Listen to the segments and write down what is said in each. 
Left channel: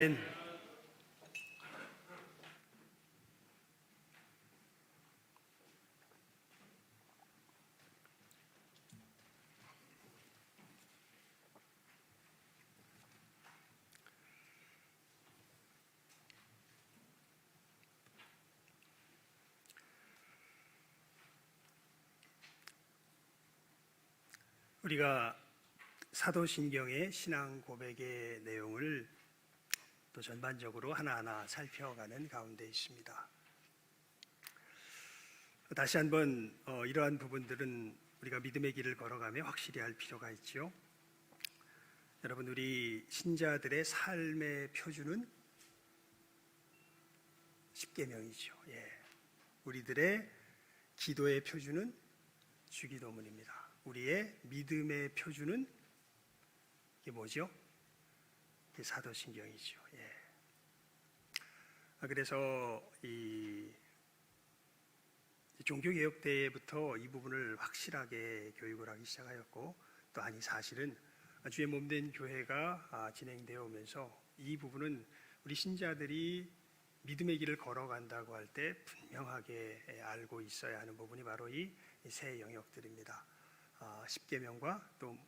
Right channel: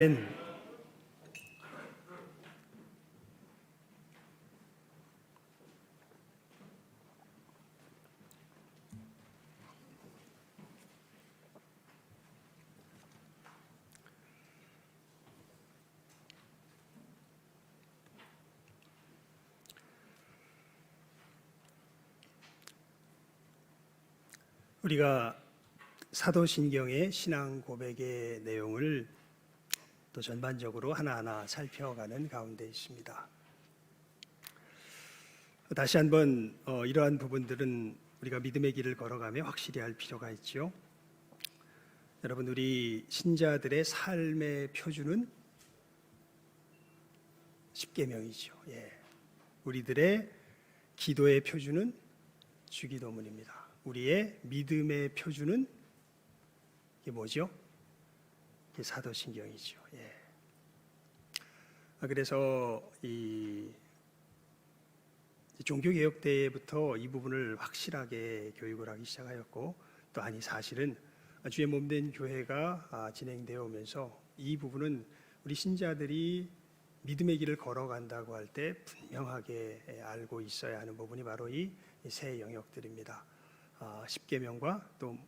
는 우리가 사도신경의 신앙 고백의 내용을 또 전반적으로 하나하나 살펴가는 가운데 있습니다. 다시 한번 이러한 부분들은 우리가 믿음의 길을 걸어가며 확실히 할 필요가 있죠. 여러분, 우리 신자들의 삶의 표준은 십계명이죠. 우리들의 기도의 표준은 주기도문입니다. 우리의 믿음의 표준은 이게 뭐죠? 이게 사도신경이죠. 그래서 이 종교개혁 때부터 이 부분을 확실하게 교육을 하기 시작하였고, 또 아니 사실은 주의 몸된 교회가 진행되어 오면서 이 부분은 우리 신자들이 믿음의 길을 걸어간다고 할 때 분명하게 알고 있어야 하는 부분이 바로 이 세 영역들입니다. 십계명과 또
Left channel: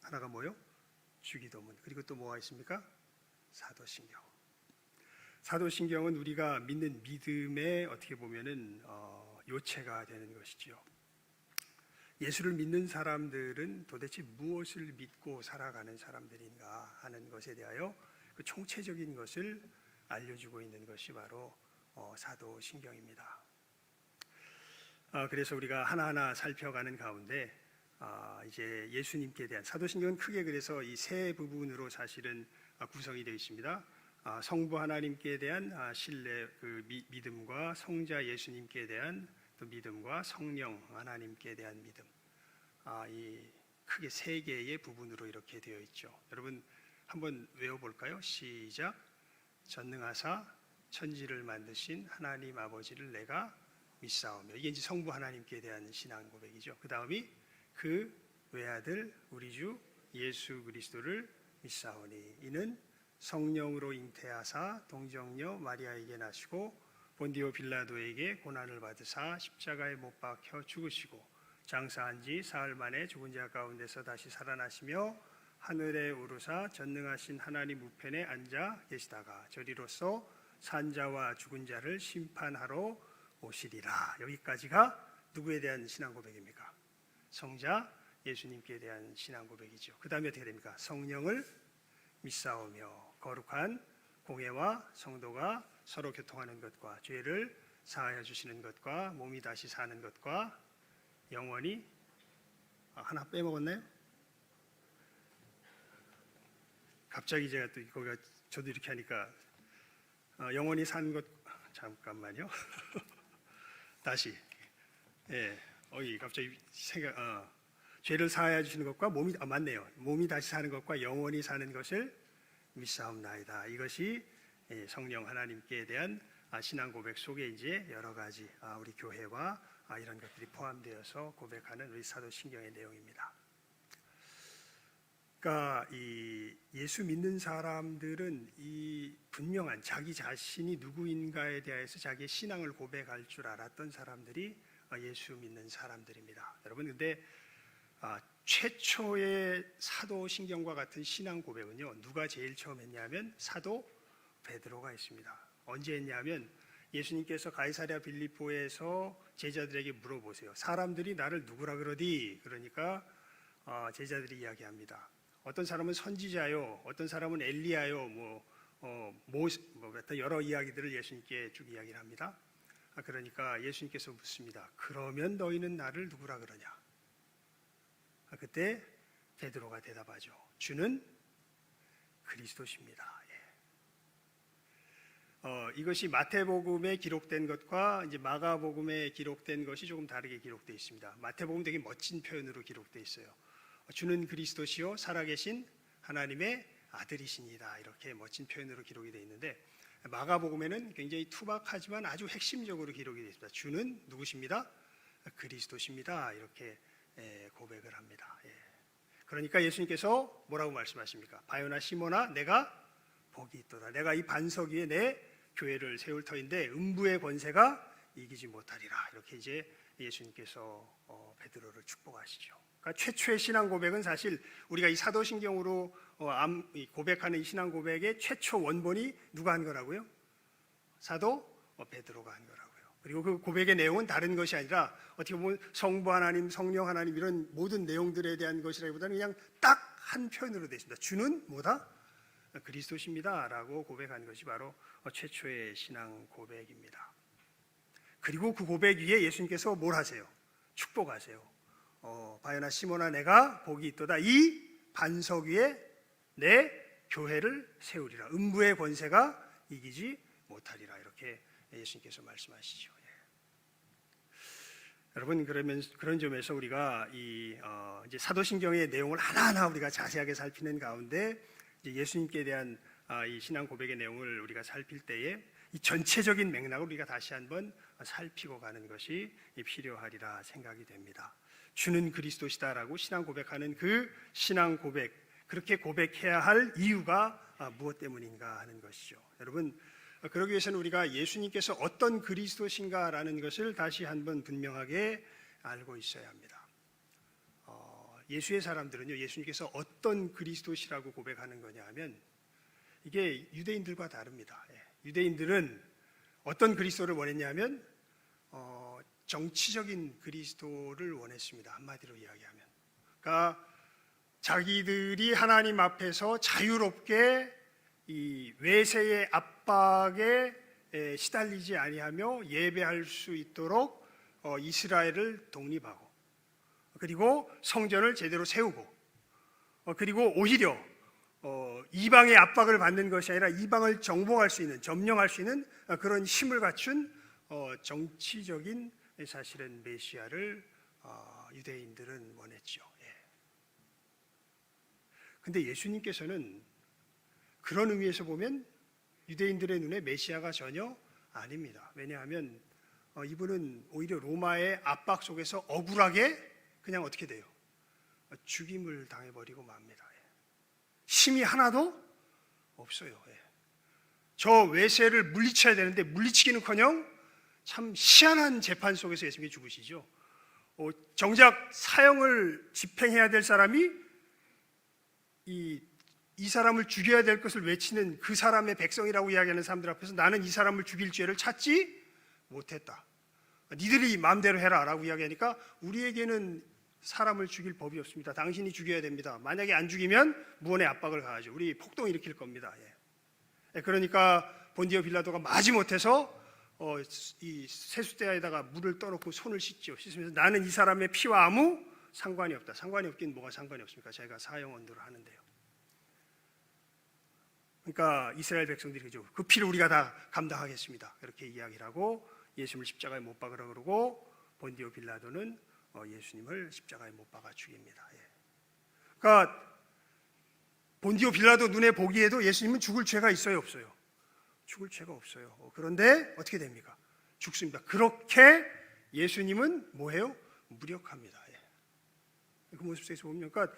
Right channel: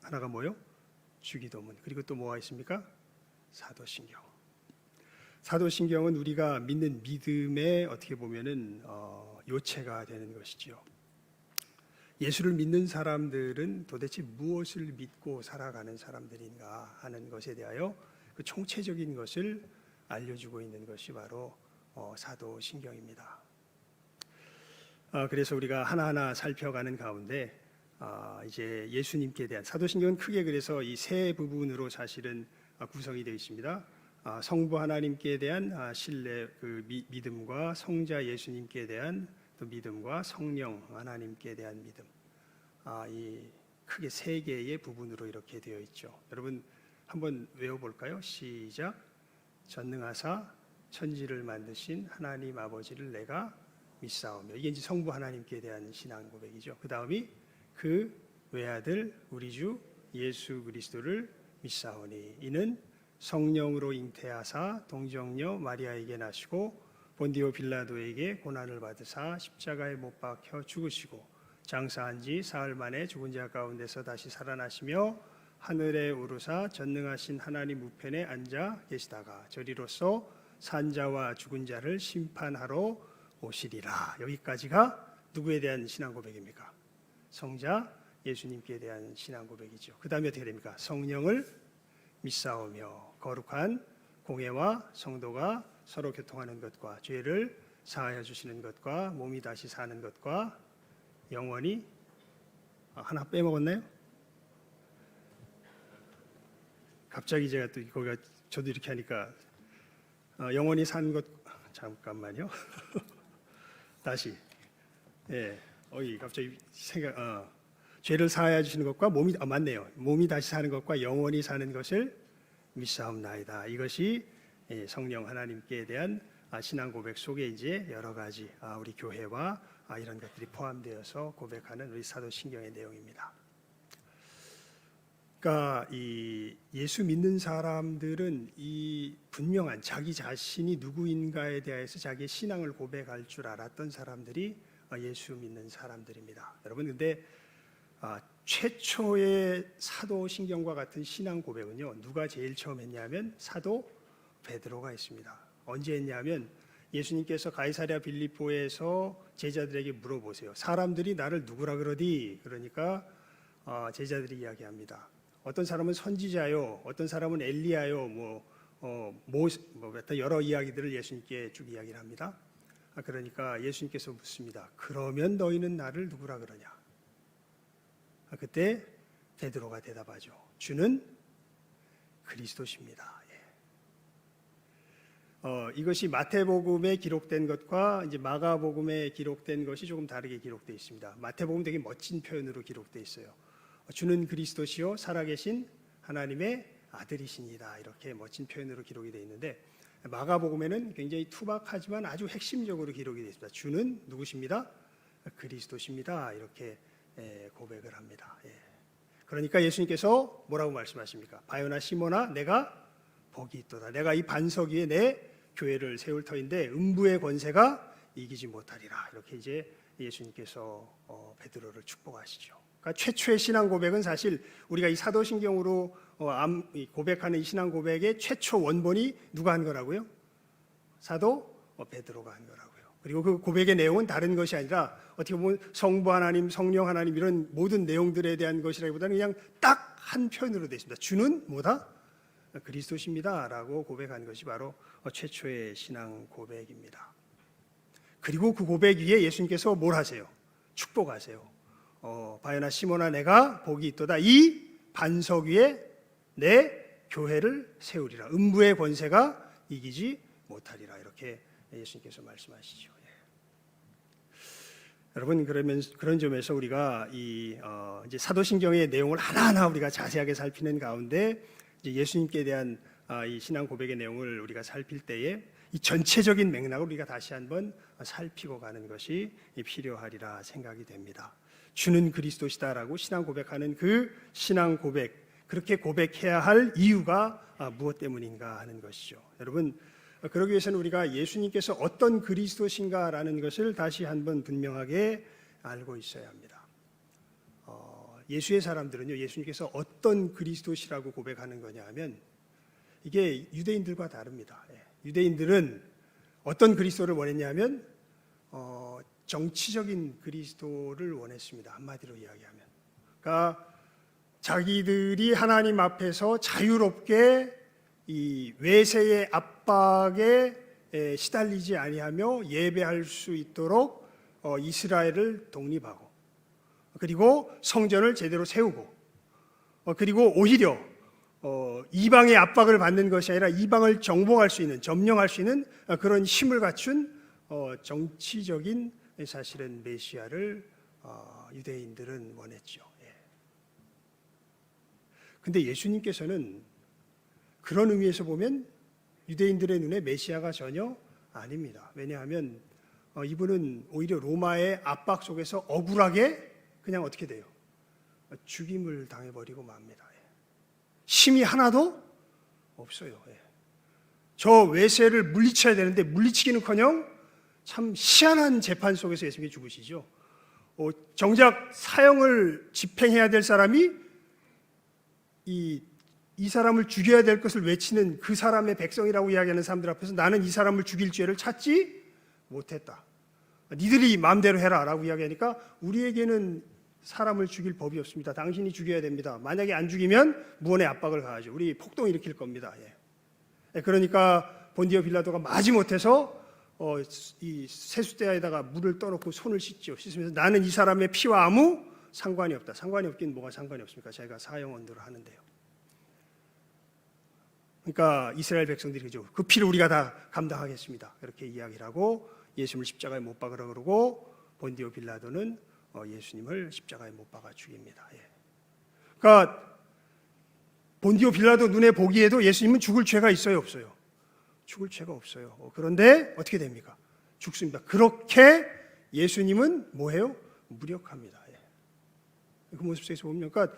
하나가 뭐요? 주기도문. 그리고 또 뭐가 있습니까? 사도신경. 사도신경은 우리가 믿는 믿음의 어떻게 보면은 요체가 되는 것이지요. 예수를 믿는 사람들은 도대체 무엇을 믿고 살아가는 사람들인가 하는 것에 대하여 그 총체적인 것을 알려주고 있는 것이 바로 사도신경입니다. 그래서 우리가 하나하나 살펴가는 가운데 이제 예수님께 대한 사도신경은 크게 그래서 이 세 부분으로 사실은 구성이 되어 있습니다. 성부 하나님께 대한 신뢰, 그 믿음과 성자 예수님께 대한 또 믿음과 성령 하나님께 대한 믿음, 이 크게 세 개의 부분으로 이렇게 되어 있죠. 여러분 한번 외워볼까요? 시작. 전능하사 천지를 만드신 하나님 아버지를 내가 믿사오며. 이게 이제 성부 하나님께 대한 신앙 고백이죠. 그 다음이 그 외아들 우리 주 예수 그리스도를 믿사오니 이는 성령으로 잉태하사 동정녀 마리아에게 나시고 본디오 빌라도에게 고난을 받으사 십자가에 못 박혀 죽으시고 장사한 지 사흘 만에 죽은 자 가운데서 다시 살아나시며 하늘에 오르사 전능하신 하나님 우편에 앉아 계시다가 저리로서 산자와 죽은 자를 심판하러 오시리라. 여기까지가 누구에 대한 신앙 고백입니까? 성자 예수님께 대한 신앙 고백이죠. 그 다음에 어떻게 됩니까? 성령을 믿사오며 거룩한 공회와 성도가 서로 교통하는 것과 죄를 사하여 주시는 것과 몸이 다시 사는 것과 영원히 하나 빼먹었나요? 갑자기 제가 또 거기가 저도 이렇게 하니까 영원히 사는 것 잠깐만요. 다시 갑자기 죄를 사하여 주시는 것과 몸이 맞네요. 몸이 다시 사는 것과 영원히 사는 것을 믿사옵나이다. 이것이 성령 하나님께 대한 신앙 고백 속에 이제 여러 가지 우리 교회와 이런 것들이 포함되어서 고백하는 우리 사도신경의 내용입니다. 그러니까 이 예수 믿는 사람들은 이 분명한 자기 자신이 누구인가에 대해서 자기의 신앙을 고백할 줄 알았던 사람들이 예수 믿는 사람들입니다. 여러분, 근데 최초의 사도신경과 같은 신앙 고백은요, 누가 제일 처음 했냐면 사도 베드로가 했습니다. 언제 했냐면 예수님께서 가이사랴 빌립보에서 제자들에게 물어보세요. 사람들이 나를 누구라 그러디? 그러니까 제자들이 이야기합니다. 어떤 사람은 선지자요, 어떤 사람은 엘리야요, 여러 이야기들을 예수님께 쭉 이야기를 합니다. 그러니까 예수님께서 묻습니다. 그러면 너희는 나를 누구라 그러냐? 그때 베드로가 대답하죠. 주는 그리스도십니다. 이것이 마태복음에 기록된 것과 이제 마가복음에 기록된 것이 조금 다르게 기록되어 있습니다. 마태복음 되게 멋진 표현으로 기록되어 있어요. 주는 그리스도시요 살아계신 하나님의 아들이시니다. 이렇게 멋진 표현으로 기록이 되어 있는데 마가복음에는 굉장히 투박하지만 아주 핵심적으로 기록이 되어 있습니다. 주는 누구십니다? 그리스도십니다. 이렇게 고백을 합니다. 그러니까 예수님께서 뭐라고 말씀하십니까? 바요나 시몬아, 내가 복이 있도다. 내가 이 반석 위에 내 교회를 세울 터인데 음부의 권세가 이기지 못하리라. 이렇게 이제 예수님께서 베드로를 축복하시죠. 그러니까 최초의 신앙 고백은 사실 우리가 이 사도신경으로 고백하는 이 신앙 고백의 최초 원본이 누가 한 거라고요? 사도 베드로가 한 거라고요. 그리고 그 고백의 내용은 다른 것이 아니라 어떻게 보면 성부 하나님, 성령 하나님 이런 모든 내용들에 대한 것이라기보다는 그냥 딱 한 표현으로 되어 있습니다. 주는 뭐다? 그리스도십니다 라고 고백한 것이 바로 최초의 신앙 고백입니다. 그리고 그 고백 위에 예수님께서 뭘 하세요? 축복하세요. 바요나 시몬아 내가 복이 있도다. 이 반석 위에 내 교회를 세우리라. 음부의 권세가 이기지 못하리라. 이렇게 예수님께서 말씀하시죠. 여러분 그러면 그런 점에서 우리가 이제 사도신경의 내용을 하나하나 우리가 자세하게 살피는 가운데 이제 예수님께 대한 이 신앙 고백의 내용을 우리가 살필 때에 이 전체적인 맥락을 우리가 다시 한번 살피고 가는 것이 필요하리라 생각이 됩니다. 주는 그리스도시다라고 신앙 고백하는 그 신앙 고백, 그렇게 고백해야 할 이유가 무엇 때문인가 하는 것이죠. 여러분 그러기 위해서는 우리가 예수님께서 어떤 그리스도신가라는 것을 다시 한번 분명하게 알고 있어야 합니다. 예수의 사람들은요, 예수님께서 어떤 그리스도시라고 고백하는 거냐 하면 이게 유대인들과 다릅니다. 유대인들은 어떤 그리스도를 원했냐 하면 정치적인 그리스도를 원했습니다. 한마디로 이야기하면. 그러니까 자기들이 하나님 앞에서 자유롭게 이 외세의 압박에 시달리지 아니하며 예배할 수 있도록 이스라엘을 독립하고 그리고 성전을 제대로 세우고 그리고 오히려 이방의 압박을 받는 것이 아니라 이방을 정복할 수 있는, 점령할 수 있는 그런 힘을 갖춘 정치적인 사실은 메시아를 유대인들은 원했죠. 근데 예수님께서는 그런 의미에서 보면 유대인들의 눈에 메시아가 전혀 아닙니다. 왜냐하면 이분은 오히려 로마의 압박 속에서 억울하게 그냥 어떻게 돼요? 죽임을 당해버리고 맙니다. 힘이 하나도 없어요. 저 외세를 물리쳐야 되는데 물리치기는커녕 참 희한한 재판 속에서 예수님이 죽으시죠. 정작 사형을 집행해야 될 사람이 이 사람을 죽여야 될 것을 외치는 그 사람의 백성이라고 이야기하는 사람들 앞에서 나는 이 사람을 죽일 죄를 찾지 못했다. 니들이 마음대로 해라 라고 이야기하니까 우리에게는 사람을 죽일 법이 없습니다. 당신이 죽여야 됩니다. 만약에 안 죽이면 무언의 압박을 가하죠. 우리 폭동 일으킬 겁니다. 그러니까 본디오 빌라도가 마지못해서 이 세숫대야에다가 물을 떠놓고 손을 씻죠. 씻으면서 나는 이 사람의 피와 아무 상관이 없다. 상관이 없긴 뭐가 상관이 없습니까? 자기가 사형 언도를 하는데요. 그러니까 이스라엘 백성들이 그죠. 그 피를 우리가 다 감당하겠습니다. 그렇게 이야기를 하고 예수님을 십자가에 못 박으라 그러고 본디오 빌라도는 예수님을 십자가에 못 박아 죽입니다. 그러니까 본디오 빌라도 눈에 보기에도 예수님은 죽을 죄가 있어요, 없어요? 죽을 죄가 없어요. 그런데 어떻게 됩니까? 죽습니다. 그렇게 예수님은 뭐해요? 무력합니다. 그 모습 속에서 보면 그러니까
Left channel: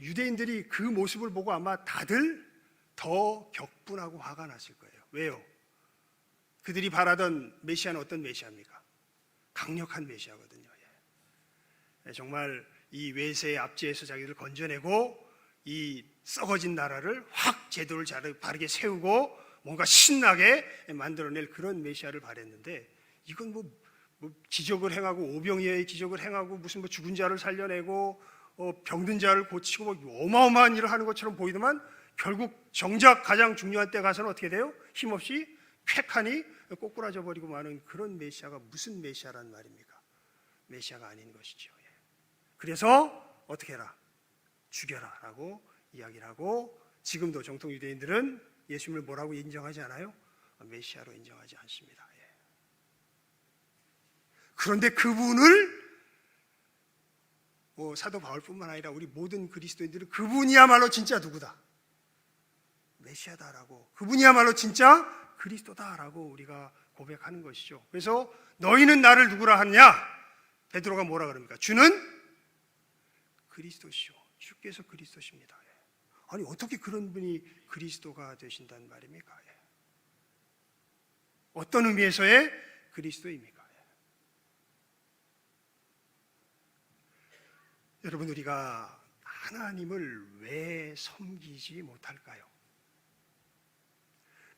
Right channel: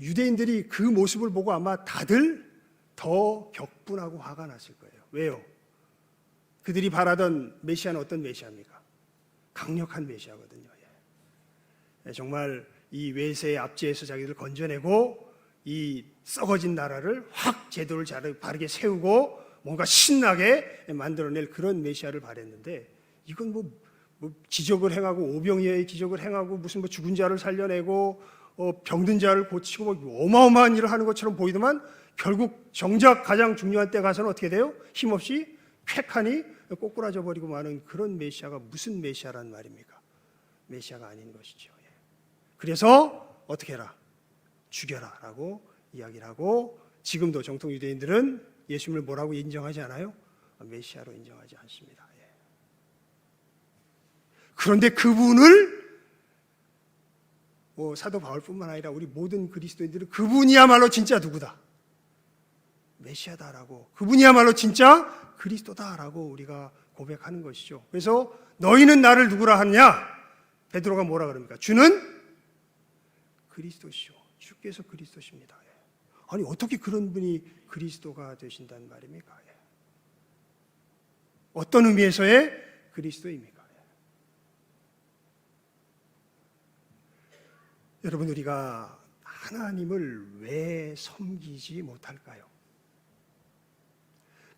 유대인들이 그 모습을 보고 아마 다들 더 격분하고 화가 났을 거예요. 왜요? 그들이 바라던 메시아는 어떤 메시아입니까? 강력한 메시아거든요. 정말 이 외세의 압제에서 자기를 건져내고 이 썩어진 나라를 확 제도를 바르게 세우고 뭔가 신나게 만들어낼 그런 메시아를 바랬는데 이건 뭐 기적을 행하고 오병이어의 기적을 행하고 무슨 뭐 죽은 자를 살려내고 병든 자를 고치고 뭐 어마어마한 일을 하는 것처럼 보이더만 결국 정작 가장 중요한 때 가서는 어떻게 돼요? 힘없이 쾌하니 꼬꾸라져 버리고 마는 그런 메시아가 무슨 메시아란 말입니까? 메시아가 아닌 것이죠. 그래서 어떻게 해라? 죽여라 라고 이야기를 하고 지금도 정통 유대인들은 예수님을 뭐라고 인정하지 않아요? 메시아로 인정하지 않습니다. 그런데 그분을 사도 바울뿐만 아니라 우리 모든 그리스도인들은 그분이야말로 진짜 누구다? 메시아다라고, 그분이야말로 진짜 그리스도다라고 우리가 고백하는 것이죠. 그래서 너희는 나를 누구라 하느냐? 베드로가 뭐라 그럽니까? 주는 그리스도시오. 주께서 그리스도십니다. 아니 어떻게 그런 분이 그리스도가 되신다는 말입니까? 어떤 의미에서의 그리스도입니까? 여러분, 우리가 하나님을 왜 섬기지 못할까요?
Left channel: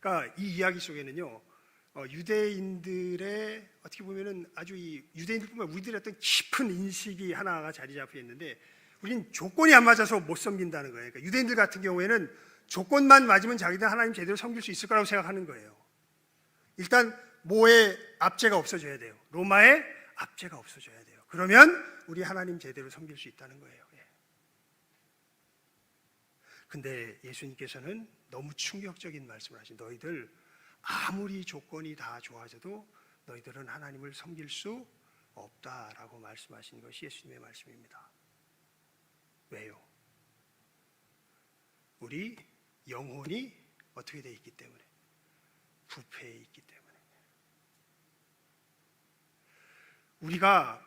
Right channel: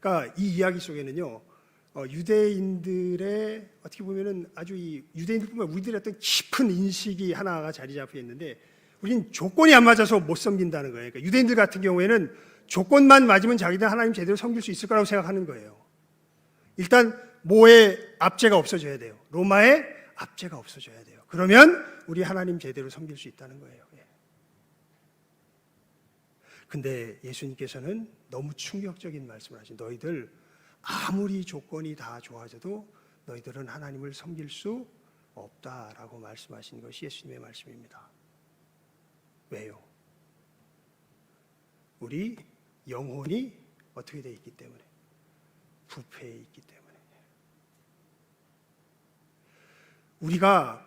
그러니까 이 이야기 속에는요, 유대인들의 어떻게 보면은 아주 이 유대인들뿐만 우리들의 어떤 깊은 인식이 하나가 자리 잡혀 있는데, 우리는 조건이 안 맞아서 못 섬긴다는 거예요. 그러니까 유대인들 같은 경우에는 조건만 맞으면 자기들 하나님 제대로 섬길 수 있을 거라고 생각하는 거예요. 일단 모의 압제가 없어져야 돼요. 로마의 압제가 없어져야 돼요. 그러면 우리 하나님 제대로 섬길 수 있다는 거예요. 근데 예수님께서는 너무 충격적인 말씀을 하신, 너희들 아무리 조건이 다 좋아져도 너희들은 하나님을 섬길 수 없다라고 말씀하신 것이 예수님의 말씀입니다. 왜요? 우리 영혼이 어떻게 되어 있기 때문에, 부패해 있기 때문에. 우리가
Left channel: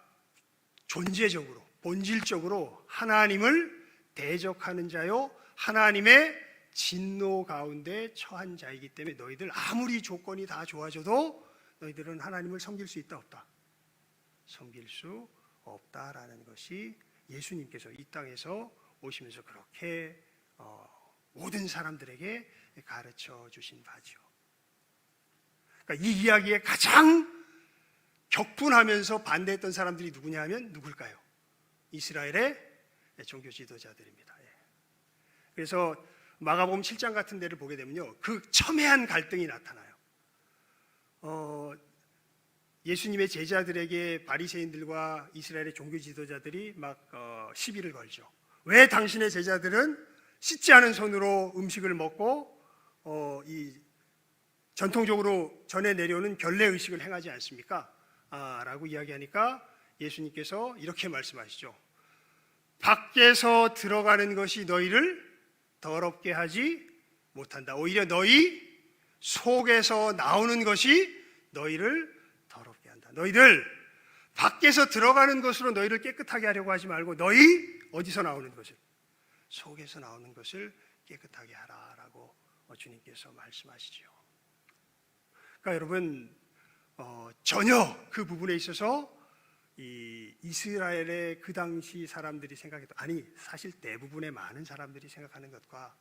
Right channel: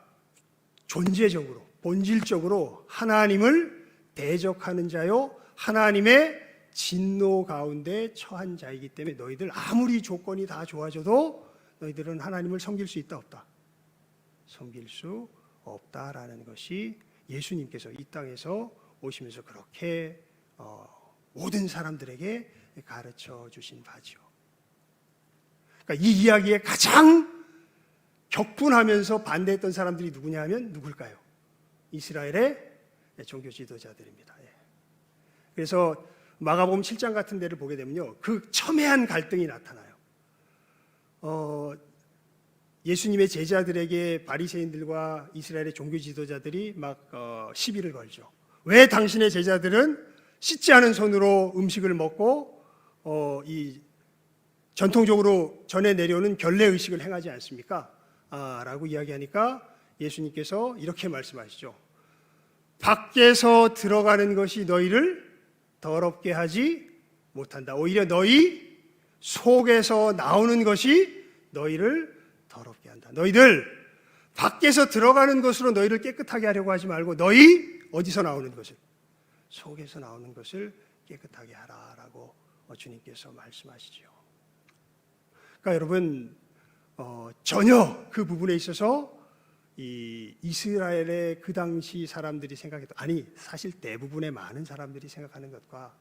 존재적으로, 본질적으로 하나님을 대적하는 자요, 하나님의 진노 가운데 처한 자이기 때문에 너희들 아무리 조건이 다 좋아져도 너희들은 하나님을 섬길 수 있다 없다? 섬길 수 없다라는 것이 예수님께서 이 땅에서 오시면서 그렇게 모든 사람들에게 가르쳐 주신 바죠. 그러니까 이 이야기에 가장 격분하면서 반대했던 사람들이 누구냐 하면 누굴까요? 이스라엘의 종교 지도자들입니다. 그래서 마가복음 7장 같은 데를 보게 되면요, 그 첨예한 갈등이 나타나요. 예수님의 제자들에게 바리새인들과 이스라엘의 종교 지도자들이 막 시비를 걸죠. 왜 당신의 제자들은 씻지 않은 손으로 음식을 먹고 이 전통적으로 전해 내려오는 결례 의식을 행하지 않습니까? 라고 이야기하니까 예수님께서 이렇게 말씀하시죠. 밖에서 들어가는 것이 너희를 더럽게 하지 못한다. 오히려 너희 속에서 나오는 것이 너희를 더럽게 한다. 너희들 밖에서 들어가는 것으로 너희를 깨끗하게 하려고 하지 말고 너희 어디서 나오는 것을, 속에서 나오는 것을 깨끗하게 하라라고 주님께서 말씀하시죠. 그러니까 여러분, 전혀 그 부분에 있어서 이 이스라엘의 그 당시 사람들이 생각했던, 아니 사실 대부분의 많은 사람들이 생각하는 것과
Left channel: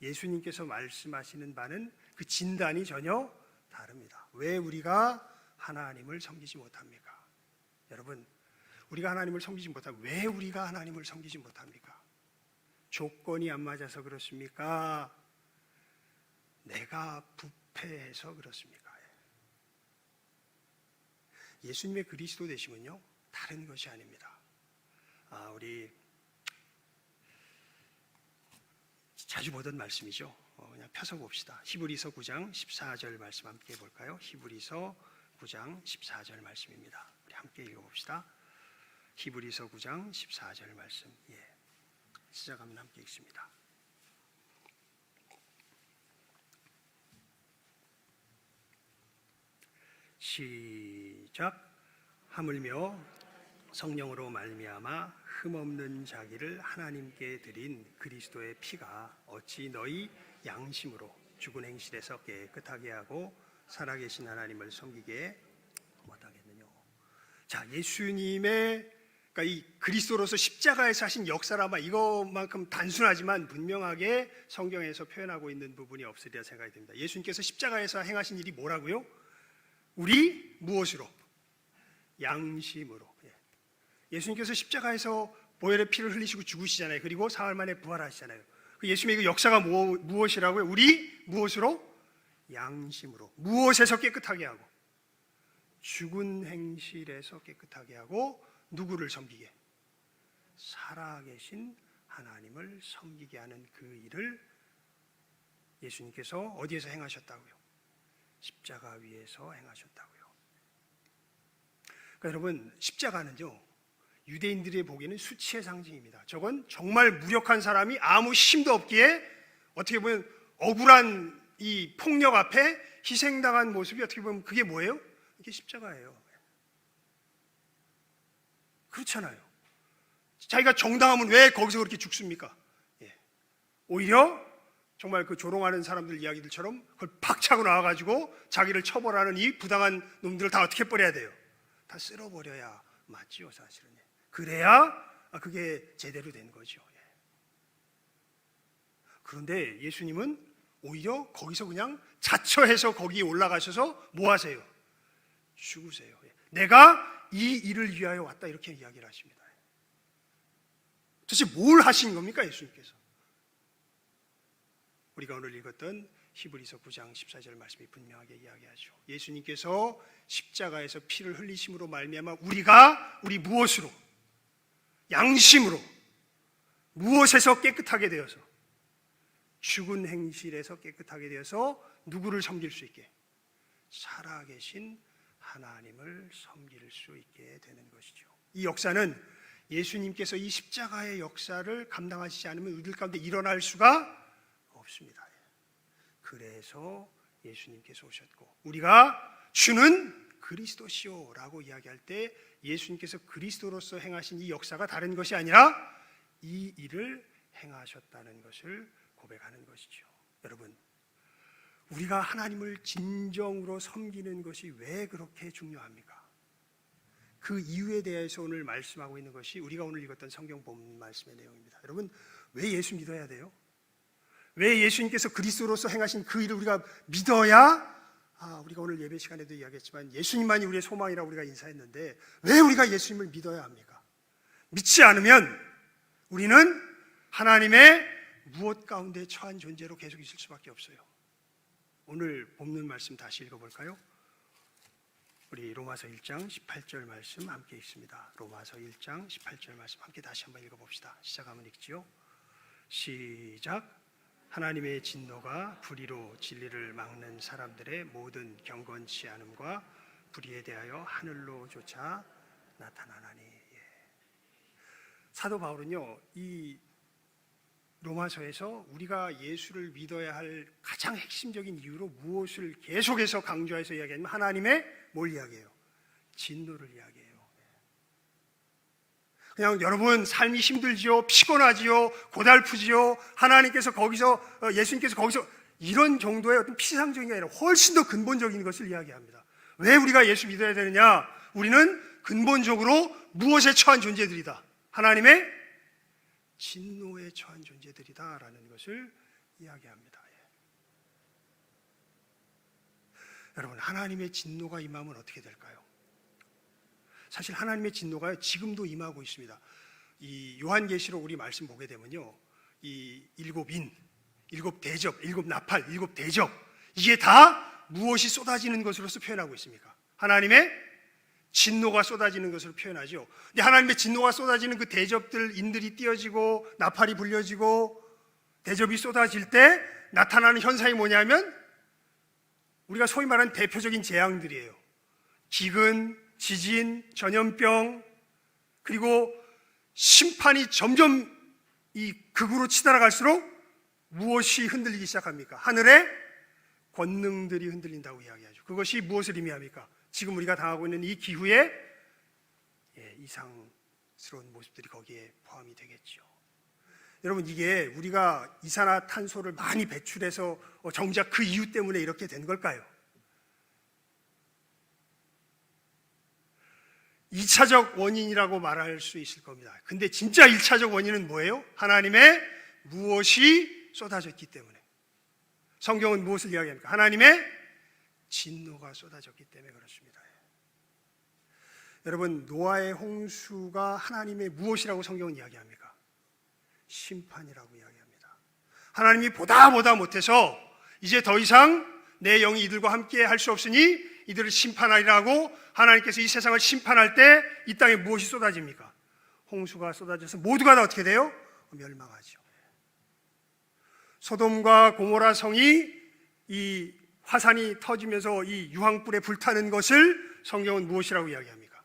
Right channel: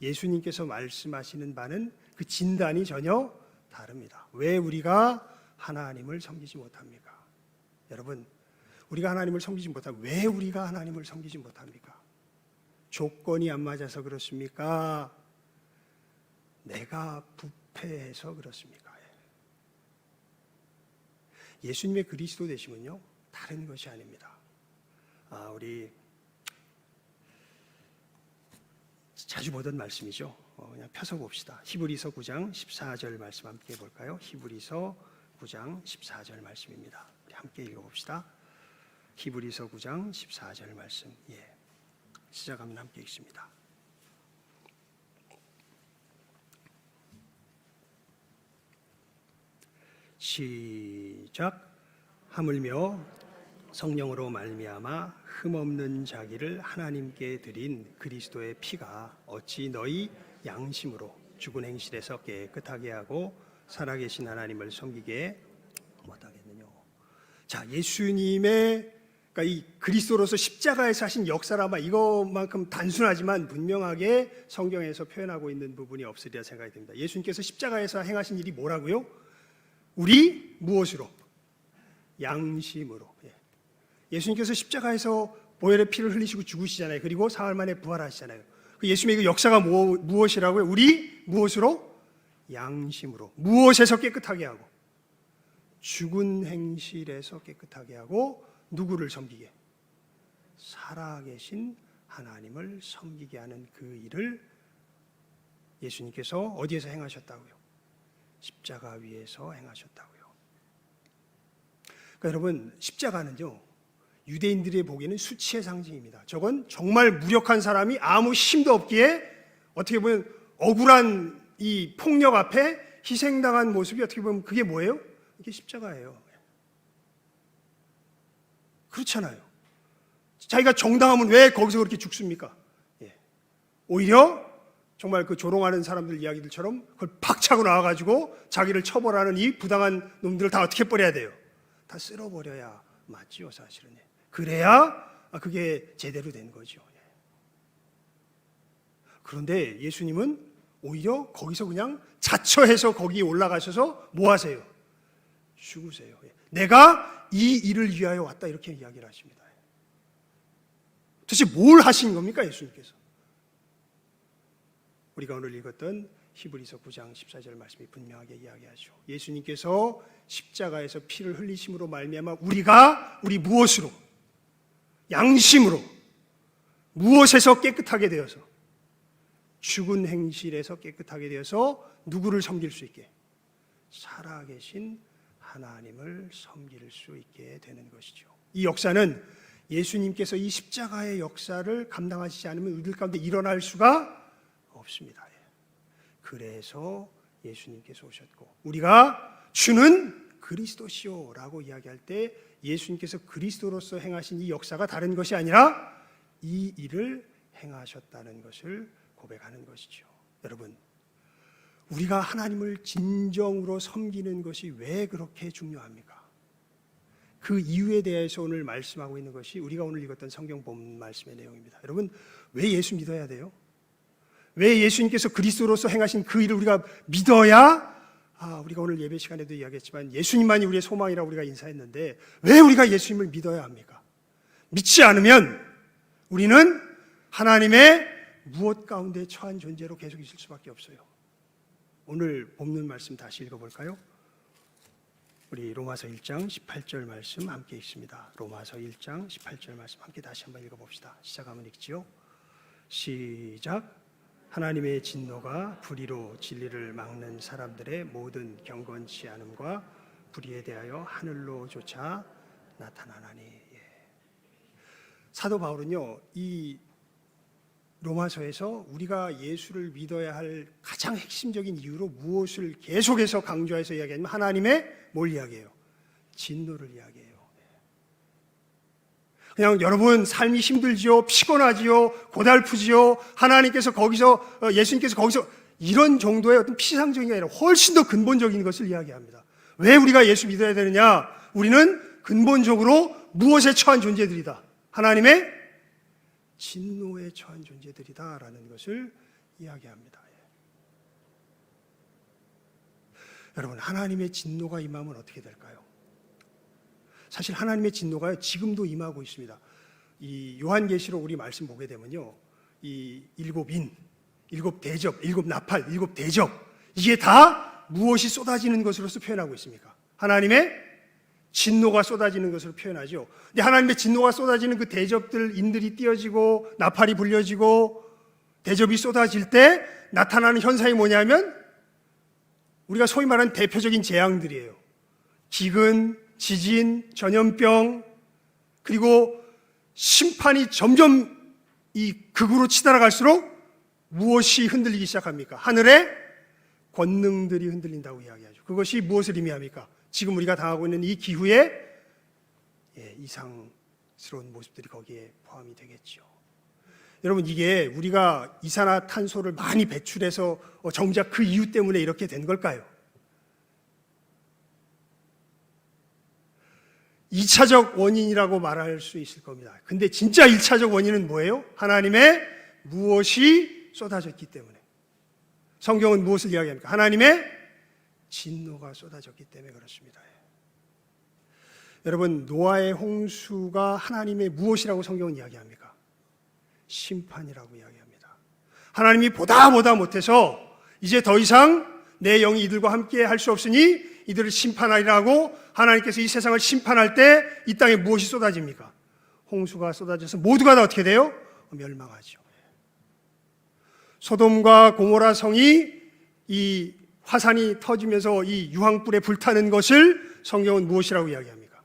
예수님께서 말씀하시는 바는 그 진단이 전혀 다릅니다. 왜 우리가 하나님을 섬기지 못합니까? 여러분, 우리가 하나님을 섬기지 못하면 왜 우리가 하나님을 섬기지 못합니까? 조건이 안 맞아서 그렇습니까? 내가 부패해서 그렇습니까? 예수님의 그리스도 되심은요, 다른 것이 아닙니다. 우리 자주 보던 말씀이죠. 그냥 펴서 봅시다. 히브리서 9장 14절 말씀 함께 볼까요? 히브리서 9장 14절 말씀입니다. 우리 함께 읽어봅시다. 히브리서 9장 14절 말씀. 시작하면 함께 읽습니다. 시작. 하물며 성령으로 말미암아 흠없는 자기를 하나님께 드린 그리스도의 피가 어찌 너희 양심으로 죽은 행실에서 깨끗하게 하고 살아계신 하나님을 섬기게 못하겠느냐. 자, 예수님의, 그러니까 이 그리스도로서 십자가에서 하신 역사라마, 이것만큼 단순하지만 분명하게 성경에서 표현하고 있는 부분이 없으리라 생각이 듭니다. 예수님께서 십자가에서 행하신 일이 뭐라고요? 우리 무엇으로? 양심으로. 예수님께서 십자가에서 보혈의 피를 흘리시고 죽으시잖아요. 그리고 사흘 만에 부활하시잖아요. 예수님의 그 역사가 무엇이라고요? 우리 무엇으로? 양심으로. 무엇에서 깨끗하게 하고? 죽은 행실에서 깨끗하게 하고 누구를 섬기게? 살아계신 하나님을 섬기게 하는 그 일을 예수님께서 어디에서 행하셨다고요? 십자가 위에서 행하셨다고요. 그러니까 여러분, 십자가는요, 유대인들이 보기에는 수치의 상징입니다. 저건 정말 무력한 사람이 아무 힘도 없기에 어떻게 보면 억울한 이 폭력 앞에 희생당한 모습이 어떻게 보면 그게 뭐예요? 이게 십자가예요. 그렇잖아요. 자기가 정당하면 왜 거기서 그렇게 죽습니까? 오히려 정말 그 조롱하는 사람들 이야기들처럼 그걸 팍 차고 나와가지고 자기를 처벌하는 이 부당한 놈들을 다 어떻게 버려야 돼요? 다 쓸어버려야 맞지요, 사실은. 그래야 그게 제대로 된 거죠. 그런데 예수님은 오히려 거기서 그냥 자처해서 거기에 올라가셔서 뭐 하세요? 죽으세요. 내가 이 일을 위하여 왔다, 이렇게 이야기를 하십니다. 도대체 뭘 하신 겁니까, 예수님께서? 우리가 오늘 읽었던 히브리서 9장 14절 말씀이 분명하게 이야기하죠. 예수님께서 십자가에서 피를 흘리심으로 말미암아 우리 무엇으로? 양심으로 무엇에서 깨끗하게 되어서, 죽은 행실에서 깨끗하게 되어서 누구를 섬길 수 있게? 살아계신 하나님을 섬길 수 있게 되는 것이죠. 이 역사는 예수님께서 이 십자가의 역사를 감당하시지 않으면 우리들 가운데 일어날 수가 없습니다. 그래서 예수님께서 오셨고, 우리가 주는 그리스도시오라고 이야기할 때 예수님께서 그리스도로서 행하신 이 역사가 다른 것이 아니라 이 일을 행하셨다는 것을 고백하는 것이죠. 여러분, 우리가 하나님을 진정으로 섬기는 것이 왜 그렇게 중요합니까? 그 이유에 대해서 오늘 말씀하고 있는 것이 우리가 오늘 읽었던 성경 본문 말씀의 내용입니다. 여러분, 왜 예수 믿어야 돼요? 왜 예수님께서 그리스도로서 행하신 그 일을 우리가 믿어야, 우리가 오늘 예배 시간에도 이야기했지만 예수님만이 우리의 소망이라고 우리가 인사했는데 왜 우리가 예수님을 믿어야 합니까? 믿지 않으면 우리는 하나님의 무엇 가운데 처한 존재로 계속 있을 수밖에 없어요. 오늘 본문 말씀 다시 읽어볼까요? 우리 로마서 1장 18절 말씀 함께 읽습니다. 로마서 1장 18절 말씀 함께 다시 한번 읽어봅시다. 시작하면 읽지요. 시작. 하나님의 진노가 불의로 진리를 막는 사람들의 모든 경건치 않음과 불의에 대하여 하늘로조차 나타나나니. 사도 바울은요, 이 로마서에서 우리가 예수를 믿어야 할 가장 핵심적인 이유로 무엇을 계속해서 강조해서 이야기하냐면 하나님의 뭘 이야기해요? 진노를 이야기해요. 그냥 여러분 삶이 힘들지요, 피곤하지요, 고달프지요, 하나님께서 거기서, 예수님께서 거기서, 이런 정도의 어떤 피상적인 게 아니라 훨씬 더 근본적인 것을 이야기합니다. 왜 우리가 예수 믿어야 되느냐? 우리는 근본적으로 무엇에 처한 존재들이다? 하나님의 진노에 처한 존재들이다라는 것을 이야기합니다. 여러분, 하나님의 진노가 임하면 어떻게 될까요? 사실 하나님의 진노가 지금도 임하고 있습니다. 이 요한계시록 우리 말씀 보게 되면요, 이 일곱 인, 일곱 대접, 일곱 나팔, 일곱 대접, 이게 다 무엇이 쏟아지는 것으로서 표현하고 있습니까? 하나님의 진노가 쏟아지는 것으로 표현하죠. 근데 하나님의 진노가 쏟아지는 그 대접들, 인들이 띄어지고 나팔이 불려지고 대접이 쏟아질 때 나타나는 현상이 뭐냐면 우리가 소위 말하는 대표적인 재앙들이에요. 기근, 지진, 전염병, 그리고 심판이 점점 이 극으로 치달아갈수록 무엇이 흔들리기 시작합니까? 하늘의 권능들이 흔들린다고 이야기하죠. 그것이 무엇을 의미합니까? 지금 우리가 당하고 있는 이 기후에 이상스러운 모습들이 거기에 포함이 되겠죠. 여러분, 이게 우리가 이산화탄소를 많이 배출해서 정작 그 이유 때문에 이렇게 된 걸까요? 2차적 원인이라고 말할 수 있을 겁니다. 근데 진짜 1차적 원인은 뭐예요? 하나님의 무엇이 쏟아졌기 때문에. 성경은 무엇을 이야기합니까? 하나님의 진노가 쏟아졌기 때문에 그렇습니다. 여러분, 노아의 홍수가 하나님의 무엇이라고 성경은 이야기합니까? 심판이라고 이야기합니다. 하나님이 보다 못해서 이제 더 이상 내 영이 이들과 함께 할 수 없으니 이들을 심판하리라고 하나님께서 이 세상을 심판할 때 이 땅에 무엇이 쏟아집니까? 홍수가 쏟아져서 모두가 다 어떻게 돼요? 멸망하죠. 소돔과 고모라 성이 이 화산이 터지면서 이 유황불에 불타는 것을 성경은 무엇이라고 이야기합니까?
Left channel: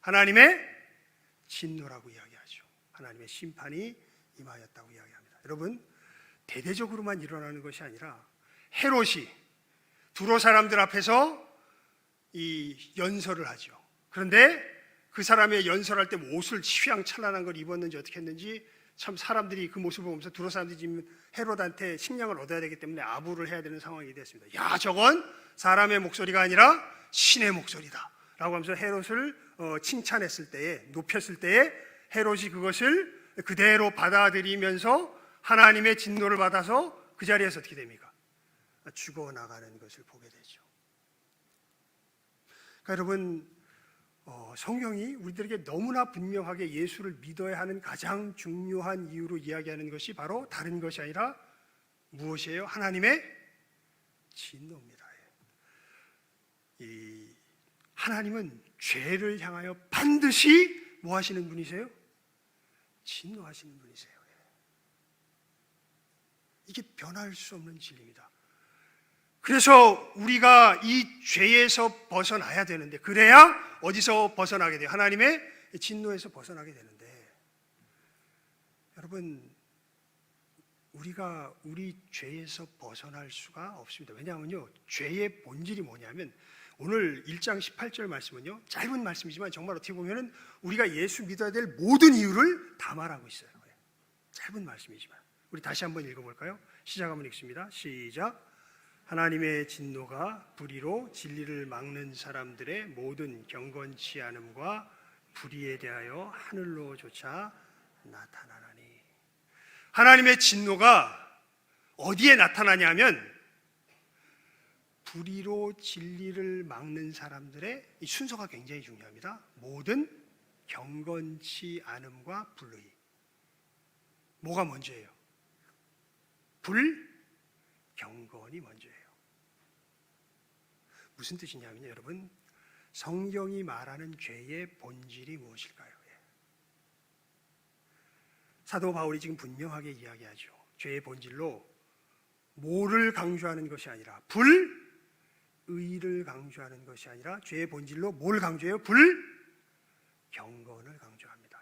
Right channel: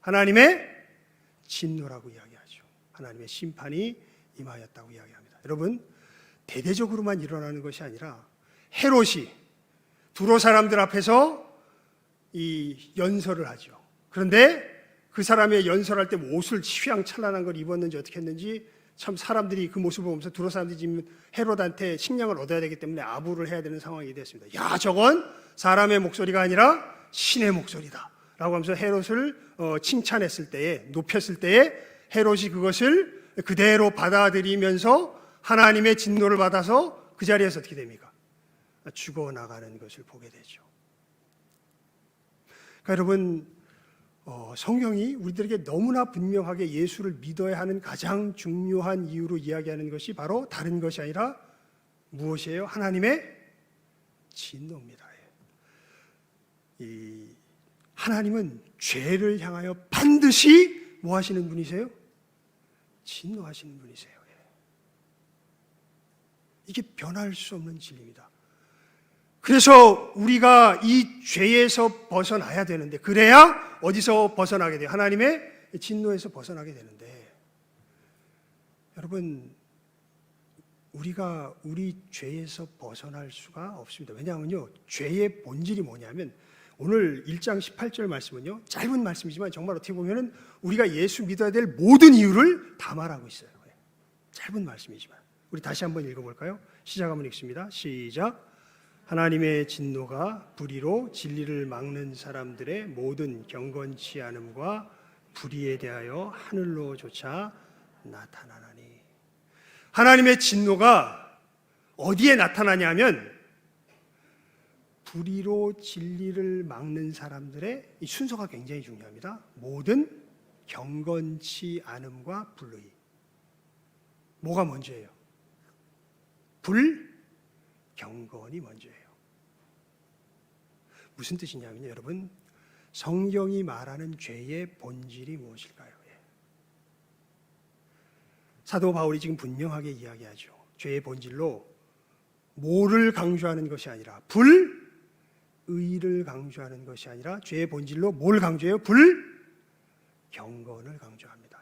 하나님의 진노라고 이야기하죠. 하나님의 심판이 임하였다고 이야기합니다. 여러분, 대대적으로만 일어나는 것이 아니라 헤롯이 두로 사람들 앞에서 이 연설을 하죠. 그런데 그 사람의 연설할 때 옷을 휘황찬란한 걸 입었는지 어떻게 했는지 참 사람들이 그 모습을 보면서 두로 사람들이 지금 헤롯한테 식량을 얻어야 되기 때문에 아부를 해야 되는 상황이 됐습니다. 야, 저건 사람의 목소리가 아니라 신의 목소리다 라고 하면서 헤롯을 칭찬했을 때에, 높였을 때에 헤롯이 그것을 그대로 받아들이면서 하나님의 진노를 받아서 그 자리에서 어떻게 됩니까? 죽어나가는 것을 보게 되죠. 그러니까 여러분, 성경이 우리들에게 너무나 분명하게 예수를 믿어야 하는 가장 중요한 이유로 이야기하는 것이 바로 다른 것이 아니라 무엇이에요? 하나님의 진노입니다. 하나님은 죄를 향하여 반드시 뭐 하시는 분이세요? 진노하시는 분이세요. 이게 변할 수 없는 진리입니다. 그래서 우리가 이 죄에서 벗어나야 되는데, 그래야 어디서 벗어나게 돼요? 하나님의 진노에서 벗어나게 되는데, 여러분, 우리가 우리 죄에서 벗어날 수가 없습니다. 왜냐하면요, 죄의 본질이 뭐냐면, 오늘 1장 18절 말씀은요, 짧은 말씀이지만 정말 어떻게 보면은 우리가 예수 믿어야 될 모든 이유를 다 말하고 있어요. 짧은 말씀이지만 우리 다시 한번 읽어볼까요? 시작 한번 읽습니다. 시작. 하나님의 진노가 불의로 진리를 막는 사람들의 모든 경건치 않음과 불의에 대하여 하늘로조차 나타나나니. 하나님의 진노가 어디에 나타나냐면 불의로 진리를 막는 사람들의 이 순서가 굉장히 중요합니다. 모든 경건치 않음과 불의. 뭐가 먼저예요? 불경건이 먼저예요. 무슨 뜻이냐면요, 여러분, 성경이 말하는 죄의 본질이 무엇일까요? 사도 바울이 지금 분명하게 이야기하죠. 죄의 본질로 뭐를 강조하는 것이 아니라 불의를 강조하는 것이 아니라 죄의 본질로 뭘 강조해요? 불경건을 강조합니다.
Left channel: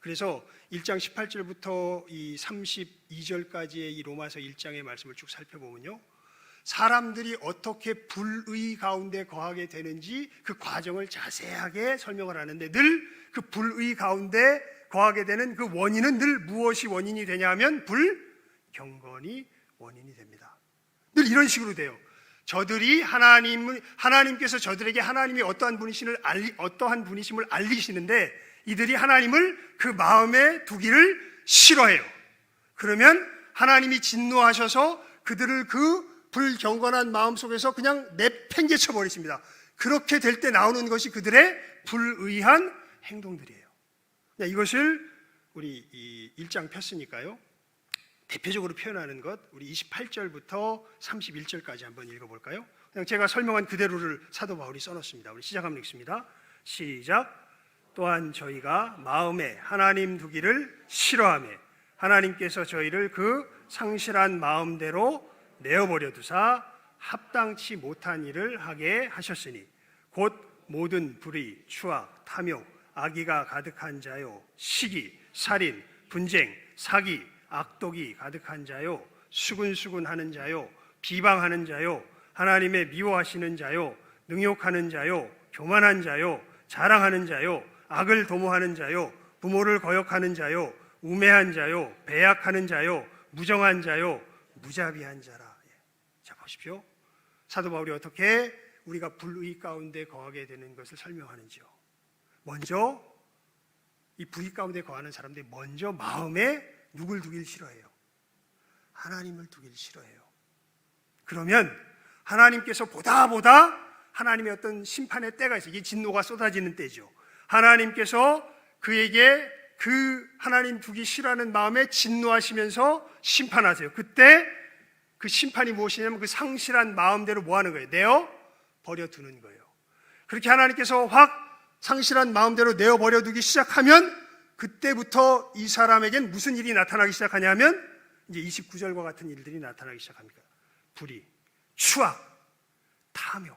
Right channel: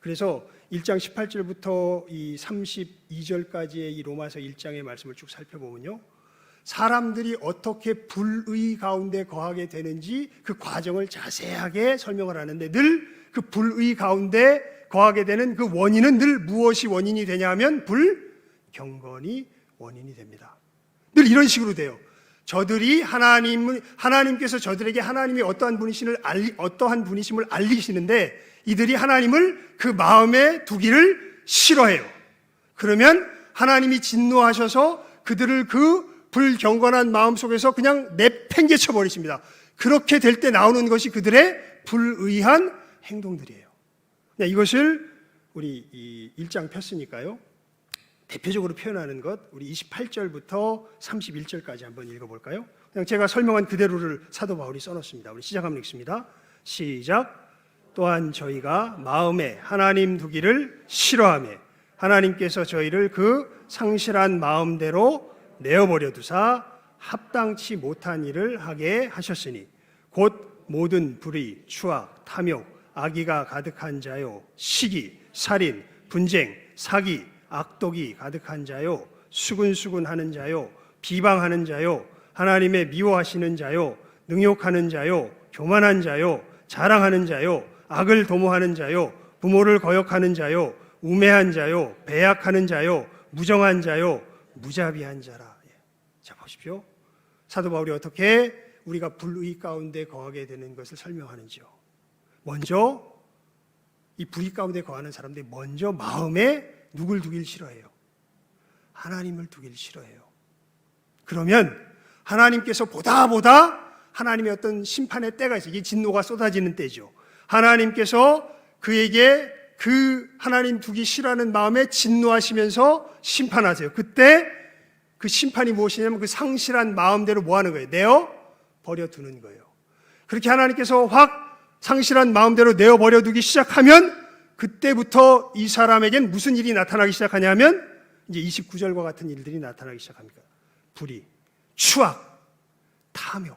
그래서 1장 18절부터 이 32절까지의 이 로마서 1장의 말씀을 쭉 살펴보면요, 사람들이 어떻게 불의 가운데 거하게 되는지 그 과정을 자세하게 설명을 하는데, 늘 그 불의 가운데 거하게 되는 그 원인은 늘 무엇이 원인이 되냐 하면 불경건이 원인이 됩니다. 늘 이런 식으로 돼요. 저들이 하나님께서 저들에게 하나님이 어떠한 분이심을 알리시는데, 이들이 하나님을 그 마음에 두기를 싫어해요. 그러면 하나님이 진노하셔서 그들을 그 불경건한 마음 속에서 그냥 내팽개쳐 버리십니다. 그렇게 될 때 나오는 것이 그들의 불의한 행동들이에요. 이것을 우리 이 1장 폈으니까요, 대표적으로 표현하는 것, 우리 28절부터 31절까지 한번 읽어볼까요? 그냥 제가 설명한 그대로를 사도 바울이 써놓습니다. 우리 시작하면 읽습니다. 시작. 또한 저희가 마음에 하나님 두기를 싫어하며 하나님께서 저희를 그 상실한 마음대로 내어버려 두사 합당치 못한 일을 하게 하셨으니 곧 모든 불의, 추악, 탐욕, 악의가 가득한 자요, 시기, 살인, 분쟁, 사기, 악독이 가득한 자요, 수근수근하는 자요, 비방하는 자요, 하나님의 미워하시는 자요, 능욕하는 자요, 교만한 자요, 자랑하는 자요, 악을 도모하는 자요, 부모를 거역하는 자요, 우매한 자요, 배약하는 자요, 무정한 자요, 무자비한 자라. 자, 보십시오. 사도 바울이 어떻게 우리가 불의 가운데 거하게 되는 것을 설명하는지요. 먼저 이 불의 가운데 거하는 사람들이 먼저 마음에 누굴 두길 싫어해요? 하나님을 두길 싫어해요. 그러면 하나님께서 보다 하나님의 어떤 심판의 때가 있어요. 이게 진노가 쏟아지는 때죠. 하나님께서 그에게 그 하나님 두기 싫어하는 마음에 진노하시면서 심판하세요. 그때 그 심판이 무엇이냐면 그 상실한 마음대로 뭐 하는 거예요? 내어 버려두는 거예요. 그렇게 하나님께서 확 상실한 마음대로 내어 버려두기 시작하면 그때부터 이 사람에겐 무슨 일이 나타나기 시작하냐면 이제 29절과 같은 일들이 나타나기 시작합니다. 불의, 추악, 탐욕.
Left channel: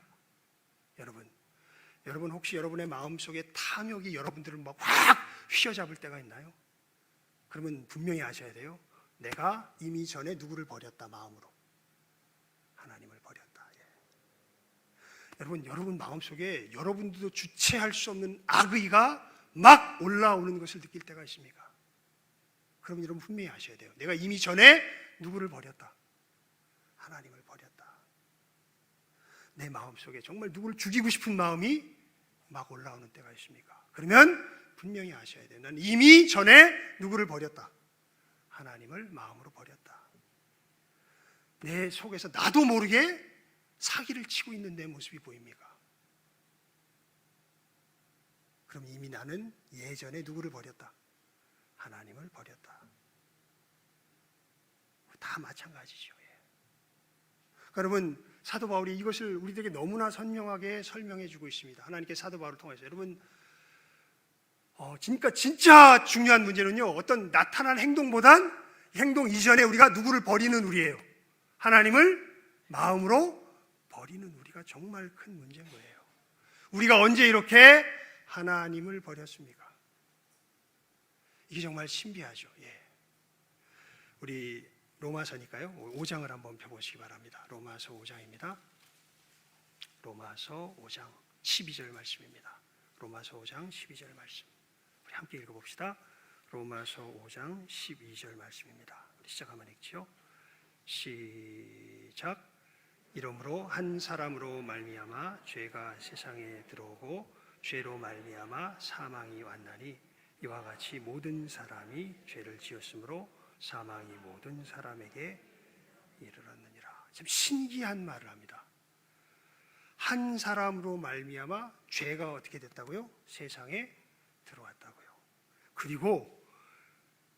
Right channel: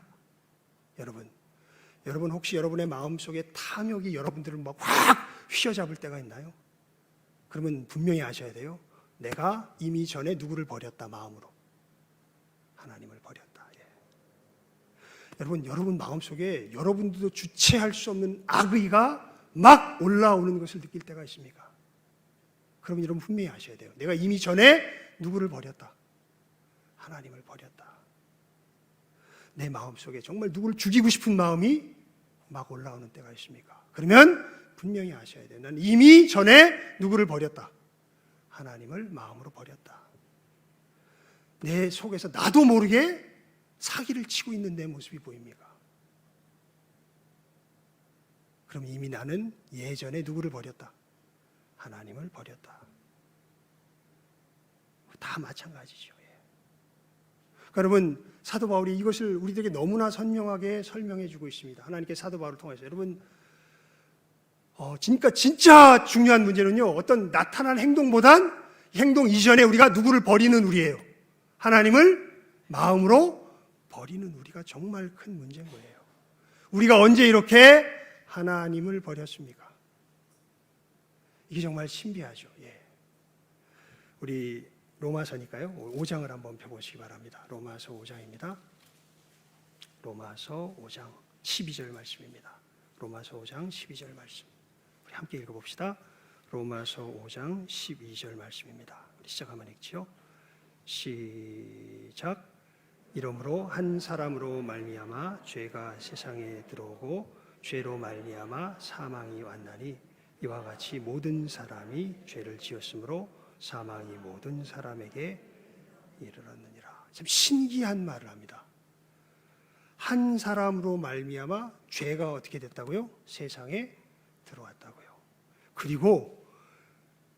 여러분 혹시 여러분의 마음속에 탐욕이 여러분들을 막 확 휘어잡을 때가 있나요? 그러면 분명히 아셔야 돼요. 내가 이미 전에 누구를 버렸다, 마음으로. 하나님을 버렸다. 여러분 마음속에 여러분들도 주체할 수 없는 악의가 막 올라오는 것을 느낄 때가 있습니까? 그러면 여러분 분명히 아셔야 돼요. 내가 이미 전에 누구를 버렸다? 하나님을 버렸다. 내 마음속에 정말 누구를 죽이고 싶은 마음이 막 올라오는 때가 있습니까? 그러면 분명히 아셔야 돼요. 난 이미 전에 누구를 버렸다? 하나님을 마음으로 버렸다. 내 속에서 나도 모르게 사기를 치고 있는 내 모습이 보입니까? 그럼 이미 나는 예전에 누구를 버렸다? 하나님을 버렸다. 다 마찬가지죠. 그러니까 여러분, 사도 바울이 이것을 우리들에게 너무나 선명하게 설명해 주고 있습니다. 하나님께 사도 바울을 통해서. 여러분, 진짜 중요한 문제는요, 어떤 나타난 행동보단 행동 이전에 우리가 누구를 버리는 우리예요. 하나님을 마음으로 버리는 우리가 정말 큰 문제인 거예요. 우리가 언제 이렇게 하나님을 버렸습니까? 이게 정말 신비하죠. 우리 로마서니까요. 5장을 한번 펴보시기 바랍니다. 로마서 5장입니다. 로마서 5장 12절 말씀입니다. 로마서 5장 12절 말씀. 우리 함께 읽어봅시다. 로마서 5장 12절 말씀입니다. 우리 시작하면 읽지요. 시작. 이러므로 한 사람으로 말미암아 죄가 세상에 들어오고 죄로 말미암아 사망이 왔나니 이와 같이 모든 사람이 죄를 지었으므로 사망이 모든 사람에게 이르렀느니라. 참 신기한 말을 합니다. 한 사람으로 말미암아 죄가 어떻게 됐다고요? 세상에 들어왔다고요. 그리고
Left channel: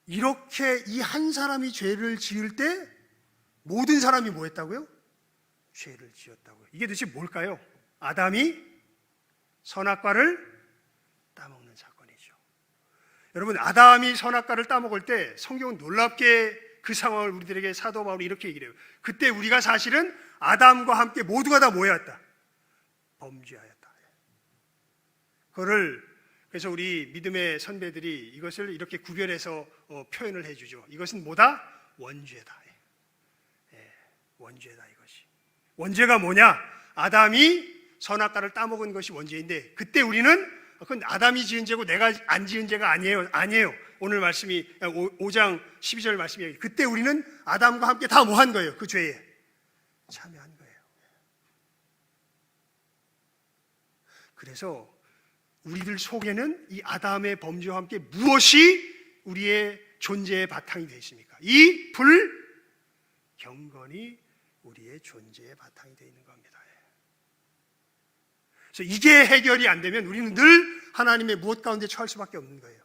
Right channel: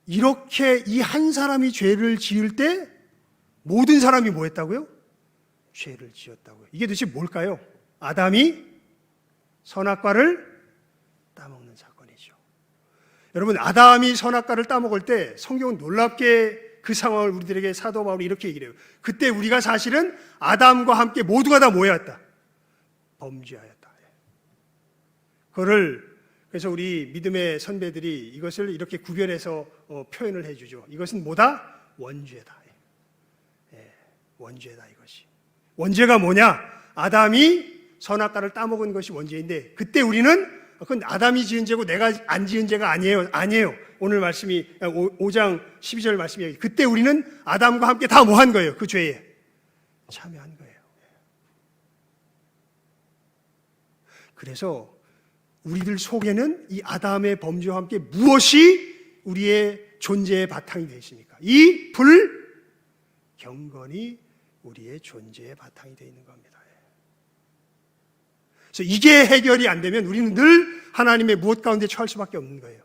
이렇게 이 한 사람이 죄를 지을 때 모든 사람이 뭐 했다고요? 죄를 지었다고요. 이게 도대체 뭘까요? 아담이 선악과를 따먹는 사건이죠. 여러분, 아담이 선악과를 따먹을 때 성경은 놀랍게 그 상황을 우리들에게 사도 바울이 이렇게 얘기를 해요. 그때 우리가 사실은 아담과 함께 모두가 다 뭐였다? 범죄하였다. 그래서 우리 믿음의 선배들이 이것을 이렇게 구별해서 표현을 해주죠. 이것은 뭐다? 원죄다. 원죄다 이것이. 원죄가 뭐냐? 아담이 선악과를 따먹은 것이 원죄인데 그때 우리는 그건 아담이 지은 죄고 내가 안 지은 죄가 아니에요. 오늘 말씀이 5장 12절 말씀이에요. 그때 우리는 아담과 함께 다 뭐 한 거예요? 그 죄에 참여한 거예요. 그래서 우리들 속에는 이 아담의 범죄와 함께 무엇이 우리의 존재의 바탕이 되어 있습니까? 이 불경건이 우리의 존재의 바탕이 되어 있는 겁니다. 그래서 이게 해결이 안 되면 우리는 늘 하나님의 무엇 가운데 처할 수밖에 없는 거예요.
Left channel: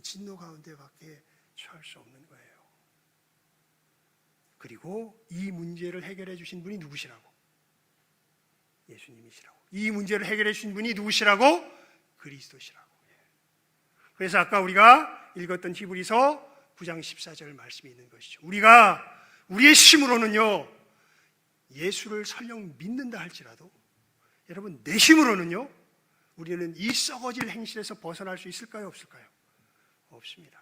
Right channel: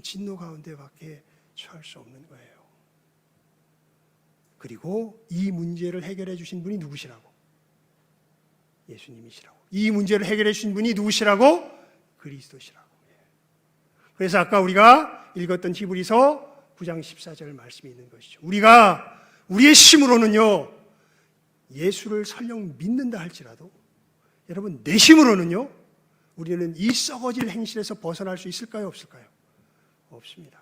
진노 가운데밖에 처할 수 없는 거예요. 그리고 이 문제를 해결해 주신 분이 누구시라고? 예수님이시라고. 이 문제를 해결해 주신 분이 누구시라고? 그리스도시라고. 그래서 아까 우리가 읽었던 히브리서 9장 14절 말씀이 있는 것이죠. 우리의 힘으로는요, 예수를 설령 믿는다 할지라도 여러분, 내 힘으로는요, 우리는 이 썩어질 행실에서 벗어날 수 있을까요? 없을까요? 없습니다.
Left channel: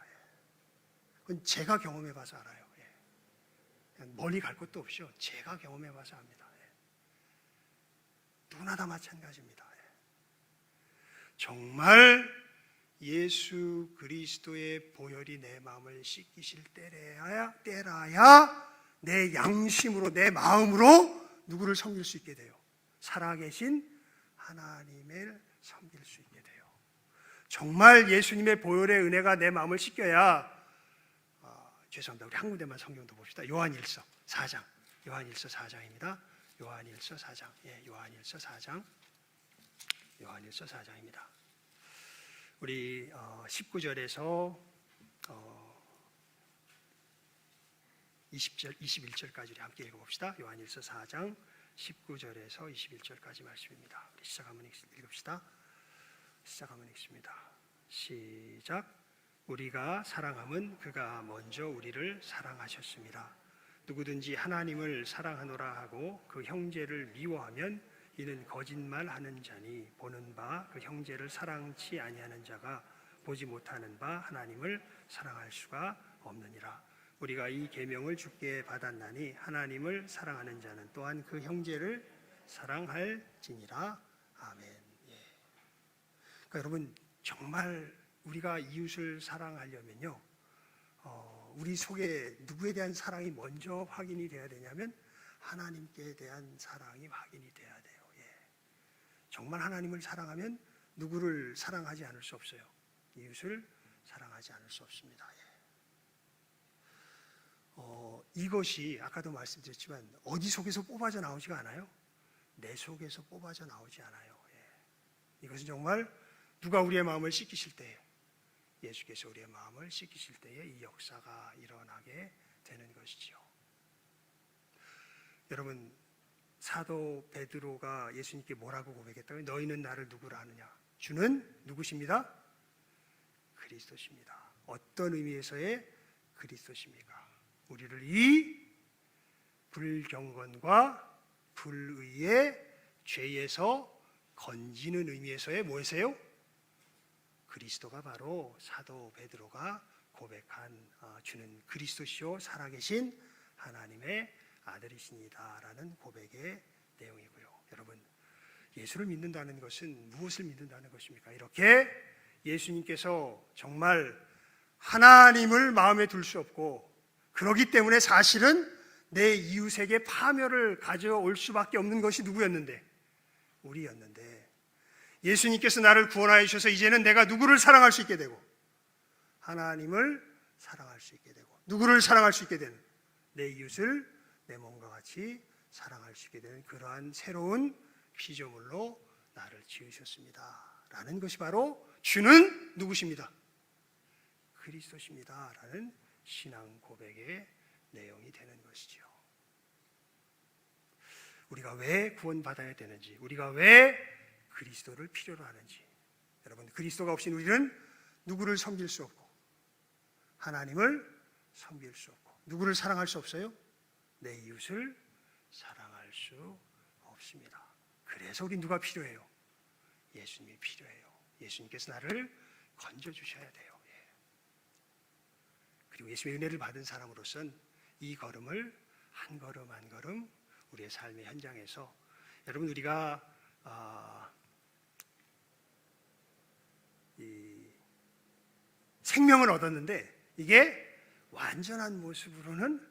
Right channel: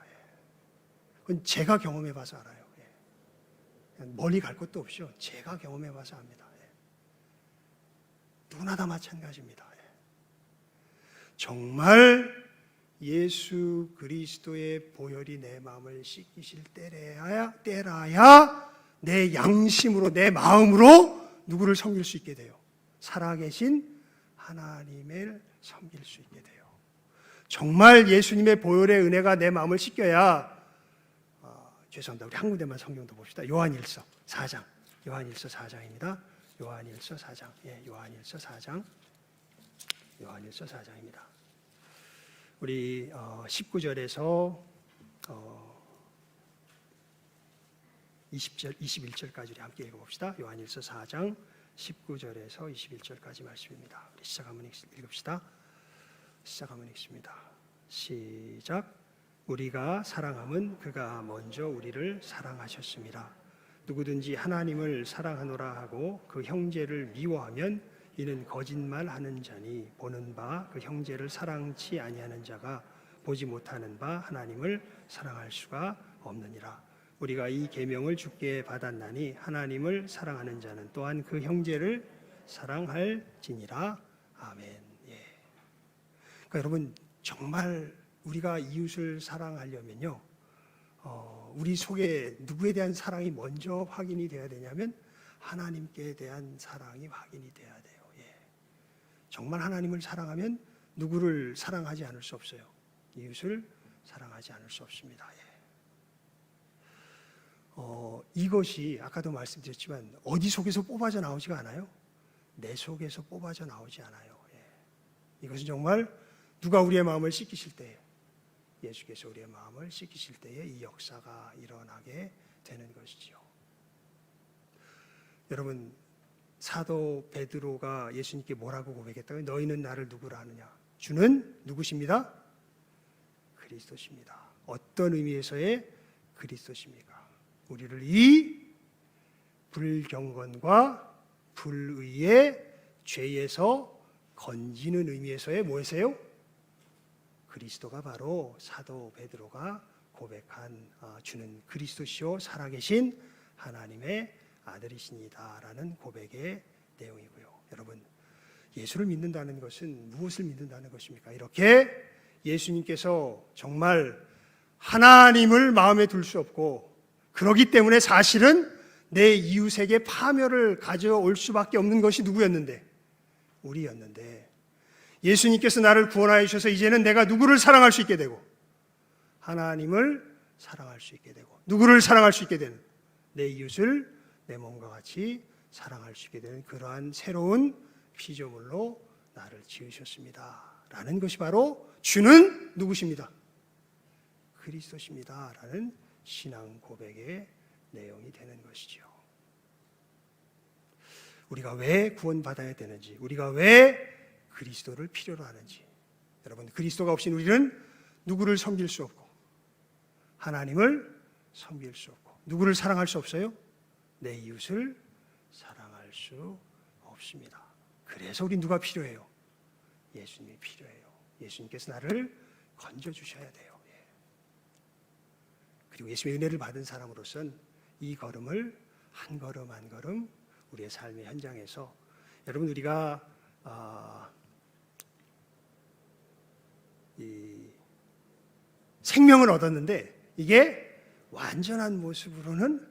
그건 제가 경험해 봐서 알아요. 멀리 갈 것도 없이요, 제가 경험해 봐서 압니다. 누구나 다 마찬가지입니다. 정말 예수 그리스도의 보혈이 내 마음을 씻기실 때라야 내 양심으로, 내 마음으로 누구를 섬길 수 있게 돼요? 살아계신 하나님을 섬길 수 있게 돼요. 정말 예수님의 보혈의 은혜가 내 마음을 씻겨야 죄송합니다. 우리 한 군데만 성경도 봅시다. 요한일서 4장. 요한일서 4장입니다. 요한일서 4장. 요한일서 4장. 요한일서 4장입니다. 우리 19절에서 20절, 21절까지 우리 함께 읽어봅시다. 요한일서 4장 19절에서 21절까지 말씀입니다. 우리 시작하면 읽읍시다. 시작하면 읽습니다. 시작. 우리가 사랑함은 그가 먼저 우리를 사랑하셨습니다. 누구든지 하나님을 사랑하노라 하고 그 형제를 미워하면 이는 거짓말하는 자니 보는 바 그 형제를 사랑치 아니하는 자가 보지 못하는 바 하나님을 사랑할 수가 없느니라. 우리가 이 계명을 주께 받았나니 하나님을 사랑하는 자는 또한 그 형제를 사랑할지니라. 아멘. 그러니까 여러분, 정말 우리가 이웃을 사랑하려면요, 우리 속에 누구에 대한 사랑이 먼저 확인이 돼야 되냐면 하나님께 대한 사랑이 확인이 돼야 돼요. 정말 하나님을 사랑하면 누구를 사랑하지 않을 수 없어요. 이웃을 사랑하지 않을 수 없습니다. 이것이 아까도 말씀드렸지만 어디 속에서 뽑아져 나오지가 않아요. 내 속에서 뽑아져 나오지 않아요. 이것은 정말 누가 우리의 마음을 씻기실 때에, 예수께서 우리의 마음을 씻기실 때에 이 역사가 일어나게 되는 것이지요. 여러분, 사도 베드로가 예수님께 뭐라고 고백했다고요? 너희는 나를 누구라 하느냐? 주는 누구십니다? 그리스도십니다. 어떤 의미에서의 그리스도십니까? 우리를 이 불경건과 불의의 죄에서 건지는 의미에서의 뭐에서요? 그리스도가 바로 사도 베드로가 고백한 주는 그리스도시요 살아계신 하나님의 아들이시니다라는 고백의 내용이고요. 여러분, 예수를 믿는다는 것은 무엇을 믿는다는 것입니까? 이렇게 예수님께서 정말 하나님을 마음에 둘 수 없고, 그렇기 때문에 사실은 내 이웃에게 파멸을 가져올 수밖에 없는 것이 누구였는데? 우리였는데, 예수님께서 나를 구원하여 주셔서 이제는 내가 누구를 사랑할 수 있게 되고, 하나님을 사랑할 수 있게 되고, 누구를 사랑할 수 있게 되는, 내 이웃을 내 몸과 같이 사랑할 수 있게 되는 그러한 새로운 피조물로 나를 지으셨습니다 라는 것이 바로 주는 누구십니다? 그리스도십니다 라는 신앙 고백의 내용이 되는 것이죠. 우리가 왜 구원받아야 되는지, 우리가 왜 그리스도를 필요로 하는지, 여러분, 그리스도가 없인 우리는 누구를 섬길 수 없고 하나님을 섬길 수 없고 누구를 사랑할 수 없어요? 내 이웃을 사랑할 수 없습니다. 그래서 우리 누가 필요해요? 예수님이 필요해요. 예수님께서 나를 건져주셔야 돼요. 그리고 예수님의 은혜를 받은 사람으로서는 이 걸음을 한 걸음 한 걸음 우리의 삶의 현장에서, 여러분, 우리가 이 생명을 얻었는데 이게 완전한 모습으로는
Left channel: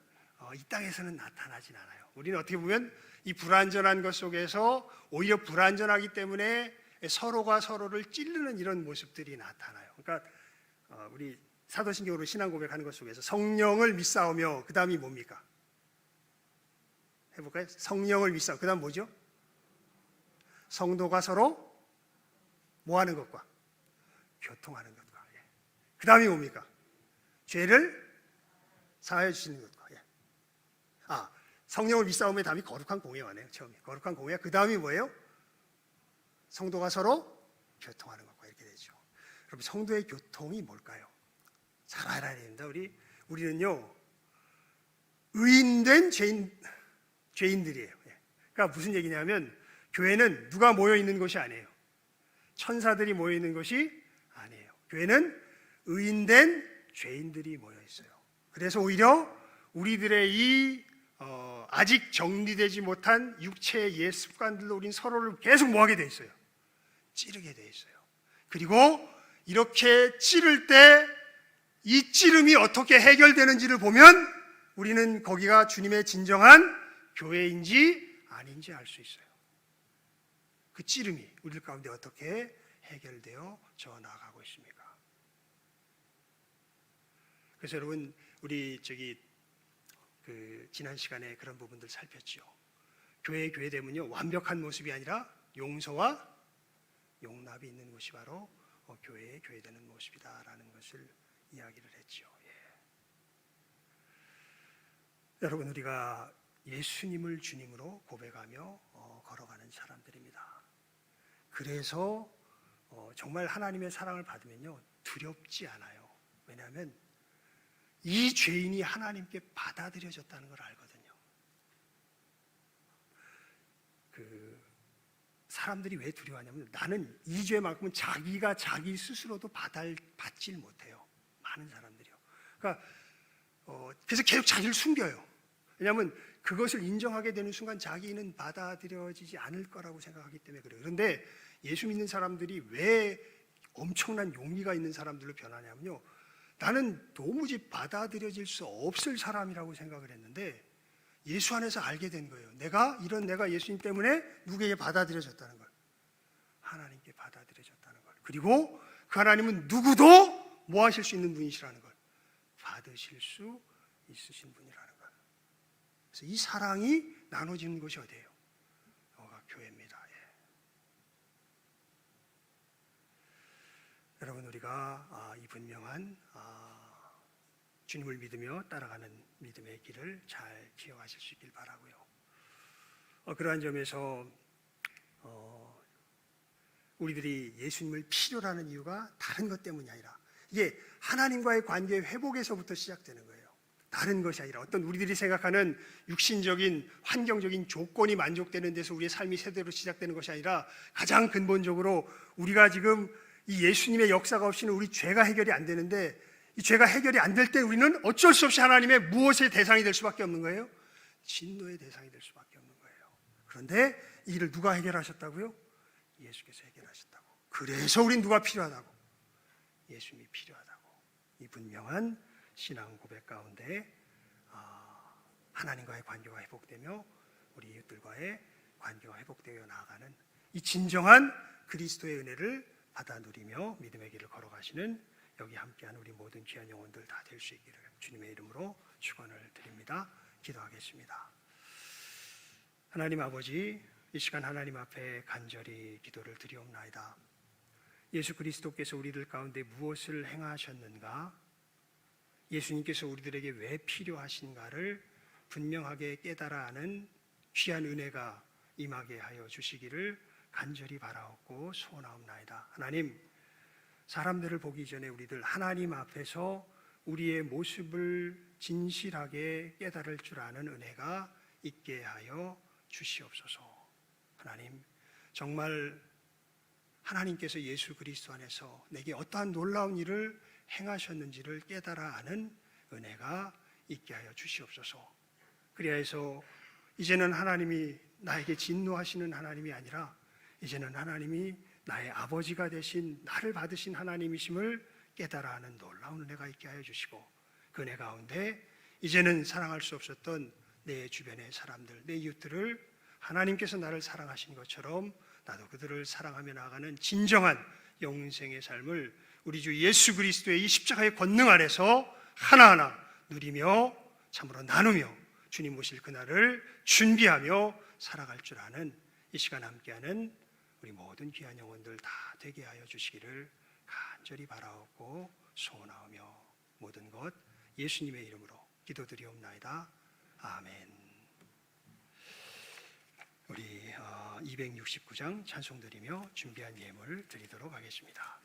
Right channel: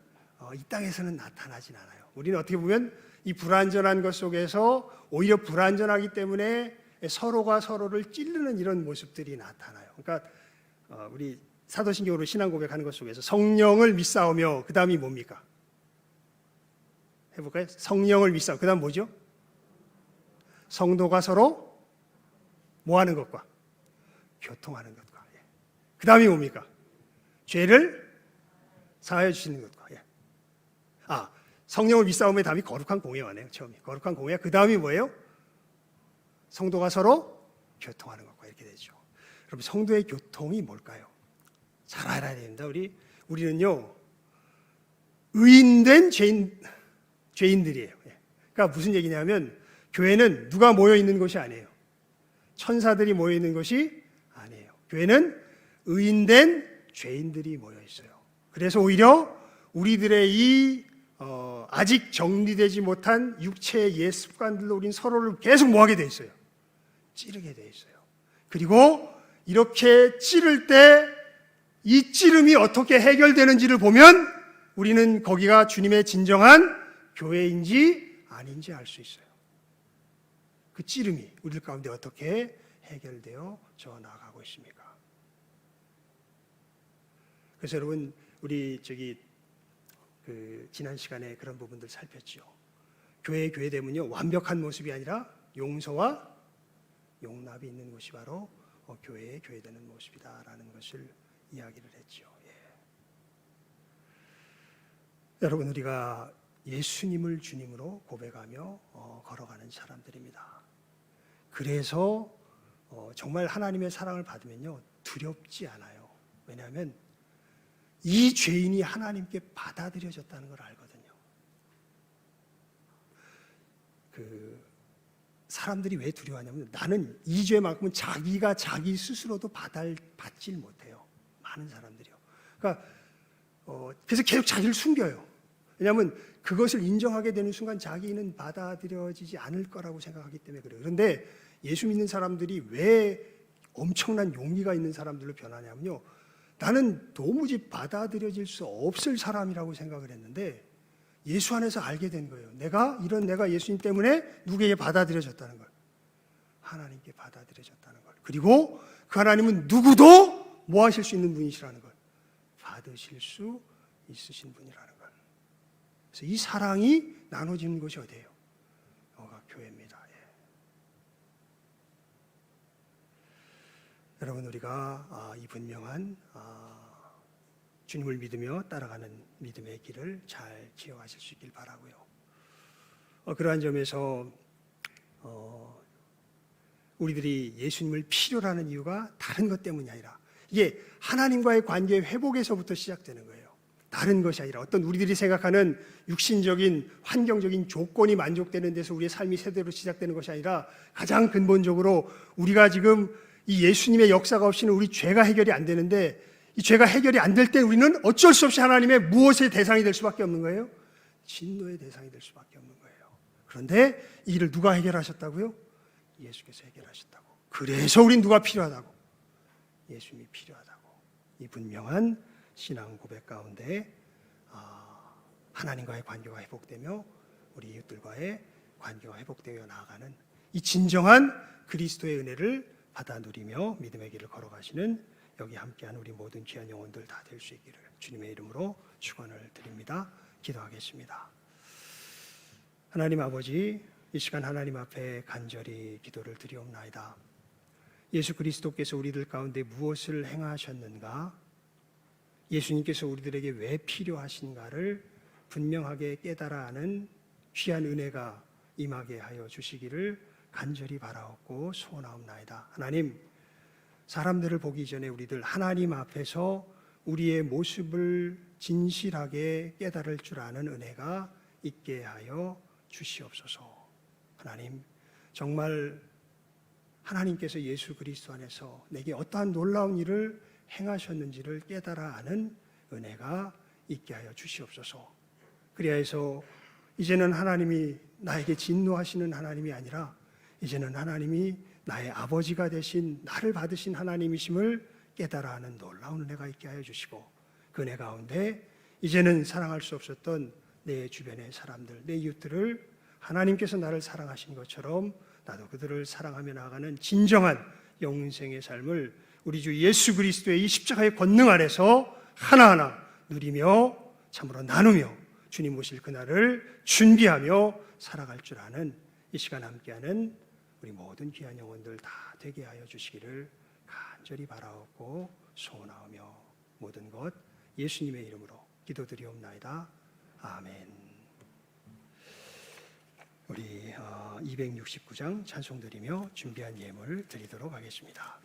이 땅에서는 나타나진 않아요. 우리는 어떻게 보면 이 불완전한 것 속에서 오히려 불완전하기 때문에 서로가 서로를 찌르는 이런 모습들이 나타나요. 그러니까 우리 사도신경으로 신앙 고백하는 것 속에서 성령을 믿사오며, 그 다음이 뭡니까? 해볼까요? 성령을 믿사오며, 그 다음 뭐죠? 성도가 서로 뭐하는 것과? 교통하는 것과. 그 다음이 뭡니까? 죄를 사하여 주시는 것과. 성령을 믿사오며 다음이 거룩한 공예화네요. 처음이 거룩한 공예. 그 다음이 뭐예요? 성도가 서로 교통하는 것과. 이렇게 되죠. 여러분, 성도의 교통이 뭘까요? 잘 알아야 됩니다. 우리는요, 의인된 죄인들이에요. 그러니까 무슨 얘기냐면, 교회는 누가 모여 있는 것이 아니에요. 천사들이 모여 있는 것이 아니에요. 교회는 의인된 죄인들이 모여 있어요. 그래서 오히려 우리들의 이 아직 정리되지 못한 육체의 옛 습관들로 우린 서로를 계속 뭐하게 돼 있어요? 찌르게 돼 있어요. 그리고 이렇게 찌를 때 이 찌름이 어떻게 해결되는지를 보면 우리는 거기가 주님의 진정한 교회인지 아닌지 알 수 있어요. 그 찌름이 우리 가운데 어떻게 해결되어 나가고 있습니까? 그래서 여러분, 우리 지난 시간에 그런 부분들 살폈죠. 교회됨은요, 완벽한 모습이 아니라 용서와 용납이 있는 것이 바로 교회되는 모습이다라는 것을 이야기를 했죠. 여러분, 우리가 예수님을 주님으로 고백하며 걸어가는 사람들입니다. 그래서 정말 하나님의 사랑을 받으면요, 두렵지 않아요. 왜냐하면 이 죄인이 하나님께 받아들여졌다는 걸 알거든요. 사람들이 왜 두려워하냐면, 나는 이 죄만큼은 자기가 자기 스스로도 받질 못해요. 많은 사람들이요. 그러니까 그래서 계속 자기를 숨겨요. 왜냐하면 그것을 인정하게 되는 순간 자기는 받아들여지지 않을 거라고 생각하기 때문에 그래요. 그런데 예수 믿는 사람들이 왜 엄청난 용기가 있는 사람들로 변하냐면요, 나는 도무지 받아들여질 수 없을 사람이라고 생각을 했는데 예수 안에서 알게 된 거예요. 내가 예수님 때문에 누구에게 받아들여졌다는 걸. 하나님께 받아들여졌다는 걸. 그리고 그 하나님은 누구도 뭐 하실 수 있는 분이시라는 걸. 받으실 수 있으신 분이라는 걸. 그래서 이 사랑이 나눠지는 곳이 어디예요? 교회입니다. 여러분, 우리가 이 분명한 주님을 믿으며 따라가는 믿음의 길을 잘 지어가실 수 있길 바라고요. 그러한 점에서 우리들이 예수님을 필요로 하는 이유가 다른 것 때문이 아니라 이게 하나님과의 관계 회복에서부터 시작되는 거예요. 다른 것이 아니라 어떤 우리들이 생각하는 육신적인 환경적인 조건이 만족되는 데서 우리의 삶이 세대로 시작되는 것이 아니라 가장 근본적으로 우리가 지금 이 예수님의 역사가 없이는 우리 죄가 해결이 안 되는데 이 죄가 해결이 안 될 때 우리는 어쩔 수 없이 하나님의 무엇의 대상이 될 수밖에 없는 거예요? 진노의 대상이 될 수밖에 없는 거예요. 그런데 이 일을 누가 해결하셨다고요? 예수께서 해결하셨다고. 그래서 우린 누가 필요하다고? 예수님이 필요하다고. 이 분명한 신앙 고백 가운데 하나님과의 관계가 회복되며 우리 이웃들과의 관계가 회복되어 나아가는 이 진정한 그리스도의 은혜를 받아 누리며 믿음의 길을 걸어가시는 여기 함께한 우리 모든 귀한 영혼들 다 될 수 있기를 주님의 이름으로 축원을 드립니다. 기도하겠습니다. 하나님 아버지, 이 시간 하나님 앞에 간절히 기도를 드리옵나이다. 예수 그리스도께서 우리들 가운데 무엇을 행하셨는가? 예수님께서 우리들에게 왜 필요하신가를 분명하게 깨달아 아는 귀한 은혜가 임하게 하여 주시기를 간절히 바라옵고 소원하옵나이다. 하나님, 사람들을 보기 전에 우리들 하나님 앞에서 우리의 모습을 진실하게 깨달을 줄 아는 은혜가 있게 하여 주시옵소서. 하나님, 정말 하나님께서 예수 그리스도 안에서 내게 어떠한 놀라운 일을 행하셨는지를 깨달아 아는 은혜가 있게 하여 주시옵소서. 그리하여서 이제는 하나님이 나에게 진노하시는 하나님이 아니라 이제는 하나님이 나의 아버지가 되신 나를 받으신 하나님이심을 깨달아 하는 놀라운 은혜가 있게 하여 주시고 그 은혜 가운데 이제는 사랑할 수 없었던 내 주변의 사람들, 내 이웃들을 하나님께서 나를 사랑하신 것처럼 나도 그들을 사랑하며 나아가는 진정한 영생의 삶을 우리 주 예수 그리스도의 이 십자가의 권능 아래서 하나하나 누리며 참으로 나누며 주님 오실 그날을 준비하며 살아갈 줄 아는 이 시간 함께하는 우리 모든 귀한 영혼들 다 되게 하여 주시기를 간절히 바라옵고 소원하며 모든 것 예수님의 이름으로 기도드리옵나이다. 아멘. 우리 269장 찬송 드리며 준비한 예물 드리도록 하겠습니다.